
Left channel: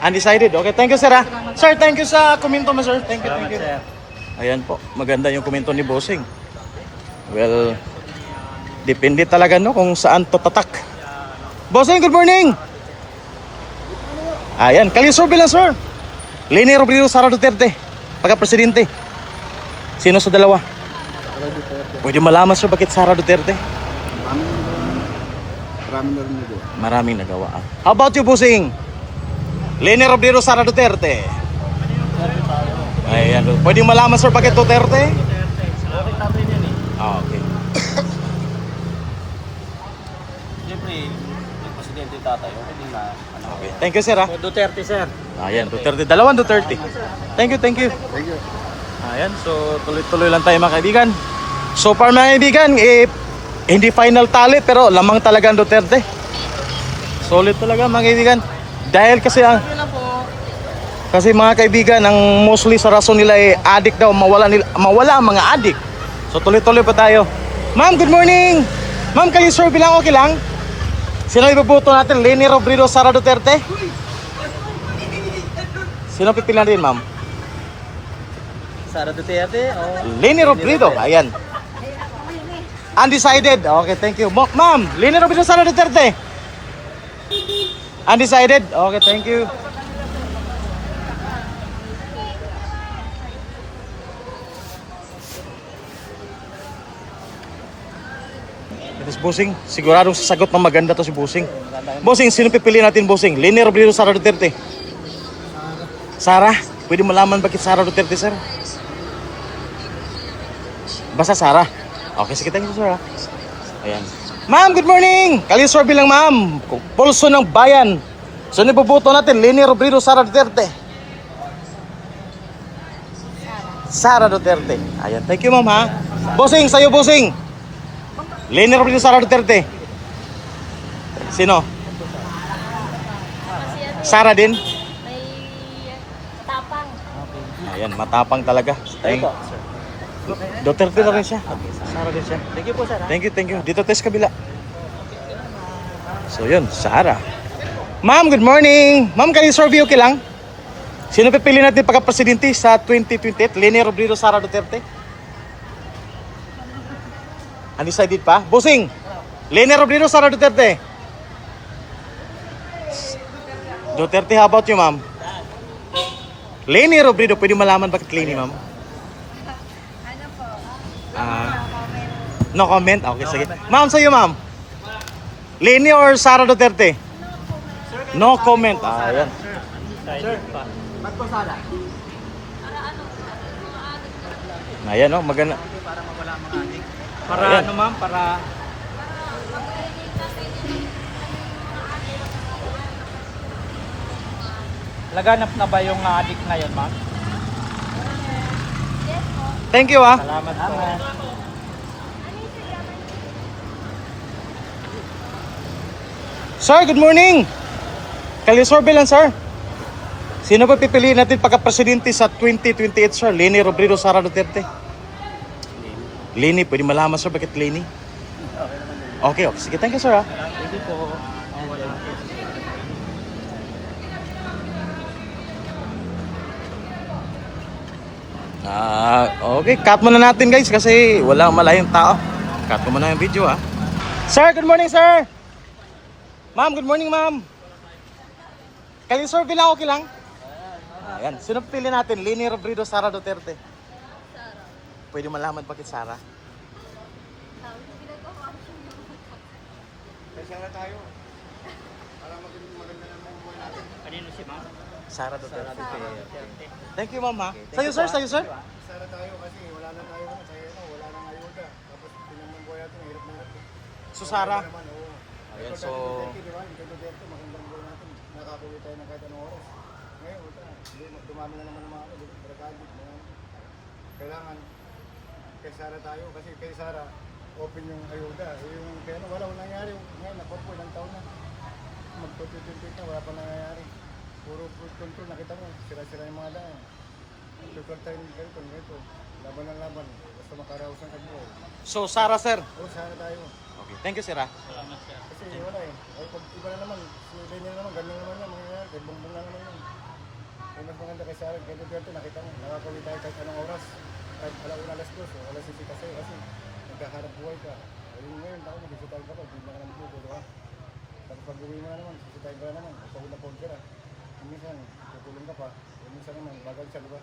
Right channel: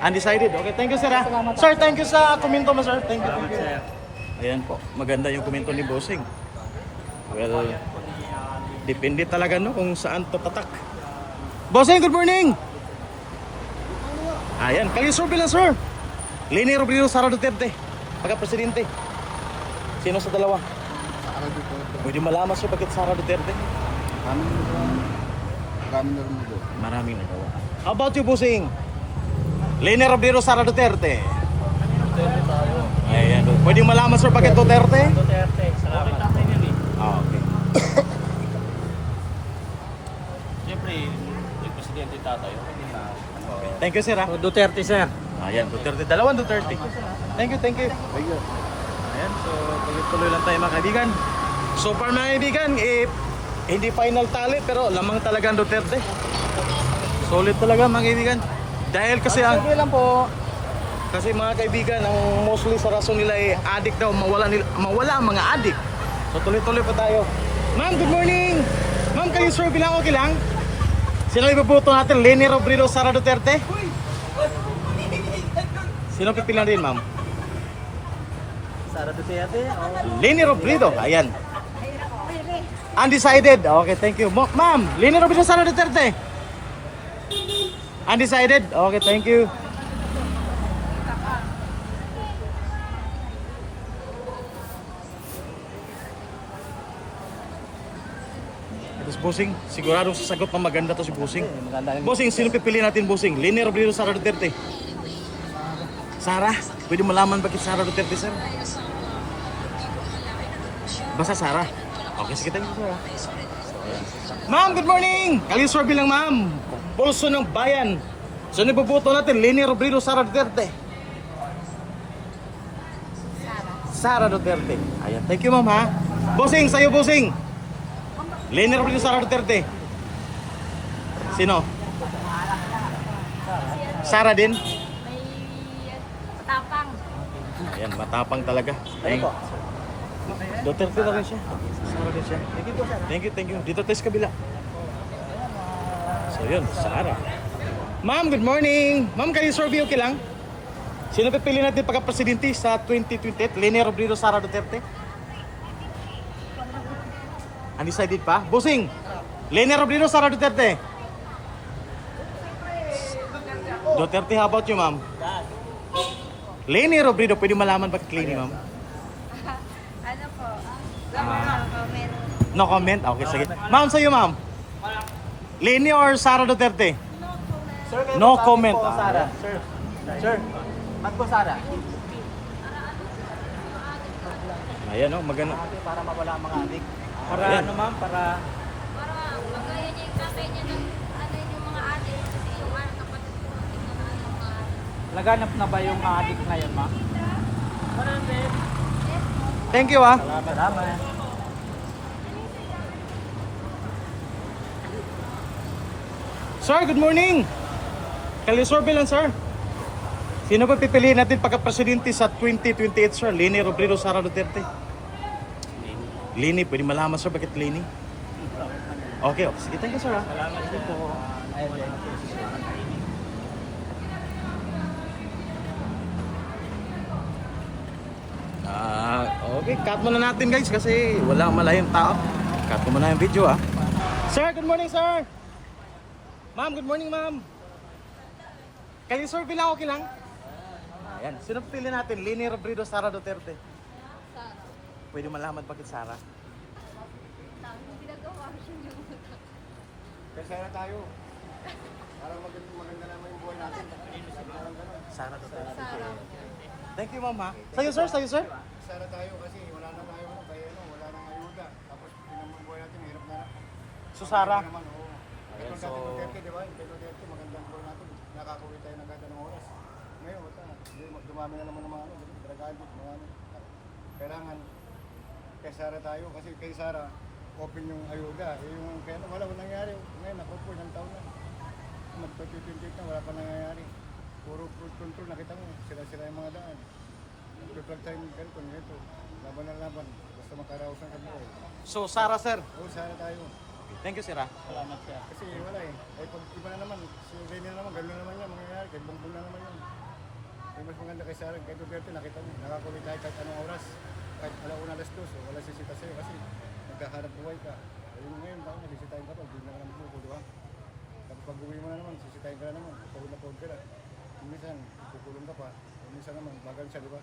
Undecided. Okay, thank you, sir. Ah. Sir, thank you sa komento mo, sir. Thank you, thank you. Ayan po, maganda yung komento ni Bossing. Well, depende talaga no kung saan to tatak. Bossing, good morning! Ayan, kalisorbe lang, sir. Leni Robredo Sara Duterte, pagka-presidente. Sino sa dalawa? Pwede malaman, sir, bakit Sara Duterte? Maraming nagawa. How about you, Bossing? Leni Robredo Sara Duterte. Ayan, pwede malaman, sir, bakit Duterte? Duterte. Salamat. Okay, tatay yan eh. Okay. Siyempre, yung presidente tatay, okay din na anak. Okay. Thank you, sir. Ah. So, Duterte, sir. Ayan, Duterte. Dalawang Duterte. Thank you, thank you. Ayan, so tuloy-tuloy lang tayo mga kaibigan. So far mga kaibigan, hindi final tally pero lamang talaga ang Duterte. Solid talaga mga kaibigan. Dahil kasi ang... Kasi mga kaibigan, ang mostly sa rason nila ay addict daw, mawala ang mga addict. So tuloy-tuloy pa tayo. Ma'am, good morning! Ma'am, kayo survey lang, okay lang? Sino ibubuto natin? Leni Robredo Sara Duterte? Sino pipili natin, ma'am? Sara Duterte. Leni Robredo, ayan. Undecided. Okay, thank you. Ma'am, Leni Robredo Sara Duterte? Undecided? Okay, thank you. Ito si Bossing. Siguradong sasagot ng maganda to si Bossing. Bossing, sino pipili natin, Bossing? Leni Robredo Sara Duterte? Sara. Pwede malaman bakit Sara Duterte, sir? Basta Sara. Okay, sige, thank you, sir. Ayan. Ma'am, good morning! Kalisorbe lang, ma'am. Pulso ng bayan. So, nipuputo natin, Leni Robredo Sara Duterte? Sara Duterte. Ayan, thank you, ma'am, ha? Bossing, sa'yo, Bossing. Leni Robredo Sara Duterte. Sino? Sara din? Matapang. Ayan, matapang talaga. Duterte na rin siya. Sara din siya. Thank you po, sir. Thank you, thank you. Dito test kabila. So yun, Sara. Ma'am, good morning. Ma'am, kayo survey okay lang? Sino pipili natin pagka-presidente sa 2028? Leni Robredo Sara Duterte? Undecided pa? Bossing! Leni Robredo Sara Duterte? Duterte, how about you, ma'am? Leni Robredo, pwede malaman bakit Leni, ma'am? Ano po? Ah. No comment. No comment? Okay, sige. Ma'am, sa'yo, ma'am. Leni or Sara Duterte? No comment. Ah, ayan. Ba't po Sara? Ayan, no? Maganda. Para mawala ang mga adik. Para Ayan. ano, ma'am? Para Mag-relate na sa inyo ng ano yung mga ate kasi yung ano laganap na ba yung adik na yun, ma'am? Thank you, ah. Salamat. Sir, good morning. Kali-survey lang, sir. Sino ba pipiliin natin pagka-presidente sa 2028, sir? Leni Robredo, Sara Duterte? Leni, pwede malaman, sir, bakit Leni? Okay, okay. Sige, thank you, sir. Okay, cut muna natin guys kasi wala malayong tao. Cut mo muna yung video Sir, good morning sir. Ma'am, good morning ma'am. Kali-survey lang, okay lang? Ayan, sino pili natin? Leni Robredo, Sara Duterte? Sara. Pwede malaman bakit Sara? Hindi nagawa siya ng mga Sara Duterte. Sara. Thank you ma'am ha. Sa'yo sir, sa'yo sir. Sara tayo kasi wala na tayo kaya wala nang ayuda. Tapos tinamang buhay natin, hirap na hirap. So Sara. Naman, oo. Ayan, Ito so... dati Duterte, di ba? Yung kay Duterte, magandang buhay natin. Nakakuwi tayo ng kahit anong oras. Ngayon, wala. Dumami na naman ng mga di ba? Drug-addict, mga kailangan kay Sara tayo kasi kay Sara open yung ayuda. Yung kaya wala nangyari. Ngayon, nakot po ilang taon na. Mag-2028 na, wala pa nangyayari. Puro fruit control, nakita mo, sira-sira yung mga daan. Tutulog tayong ganito, nito. Laban na laban, basta makaraos ng kabuhay. So Sara sir. Oo, Sara tayo. Okay, thank you sir ha. Kasi wala Ay pag iba na naman, si Lenny na naman, gano'n na naman yan, mangyayari, kay Bongbong na naman yan. Ay mas maganda kay Sara, kay Duterte, nakita mo, nakakawin tayo kahit anong oras. Kahit alauna, alas 2, wala sisita sa'yo kasi nagkahanap buhay ka. Ayun ngayon, tayo nagsisitahin ka pa, hindi na ka naman bubulo ha. Tapos pag uwi mo na naman, sisitahin ka na naman, pagod na pagod ka na. Minsan, kukulong ka pa, minsan naman, bagal siya, di ba?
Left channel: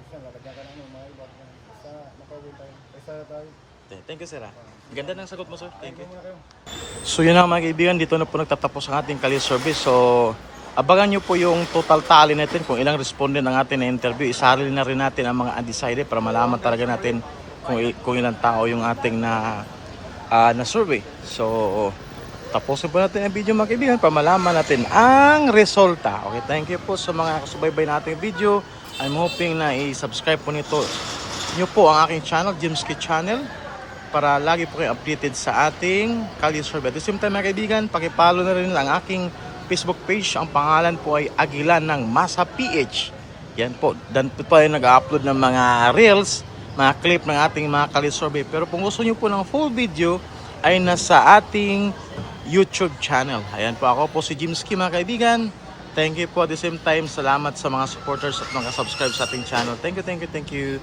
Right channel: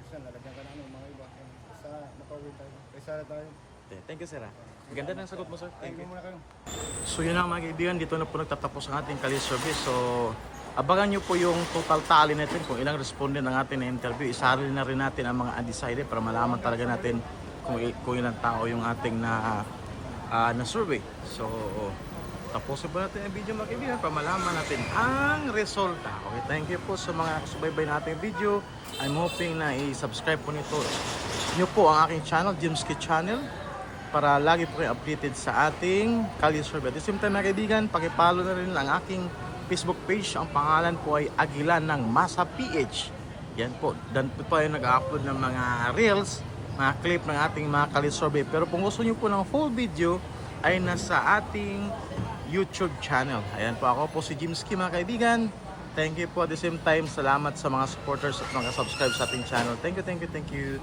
Minsan, lalagyan ka na mga iba. Basta makauwi tayo, kay Sara tayo. Thank you sir ha. Ganda ng sagot mo sir. Thank you. Muna kayo. So yun na mga kaibigan, dito na po nagtatapos ang ating Kali service. So abangan nyo po yung total tally natin kung ilang respondent ang ating na-interview. Isali na rin natin ang mga undecided para malaman talaga natin kung ilang tao yung ating na survey. So tapusin po natin ang video mga kaibigan para malaman natin ang resulta. Okay, thank you po sa mga kasubaybay nating video. I'm hoping na i-subscribe po nyo po ang aking channel, James K Channel, para lagi po kayo updated sa ating Kali survey. At the same time mga kaibigan, pakipollow na rin ang aking Facebook page. Ang pangalan po ay Aguilan ng Masa PH. Yan po. Dan po tayo nag-upload ng mga reels, mga clip ng ating mga Kali survey. Pero kung gusto nyo po ng full video, ay nasa ating YouTube channel. Ayan po, ako po si James K mga kaibigan. Thank you po at the same time. Salamat sa mga supporters at mga subscribe sa ating channel. Thank you, thank you, thank you.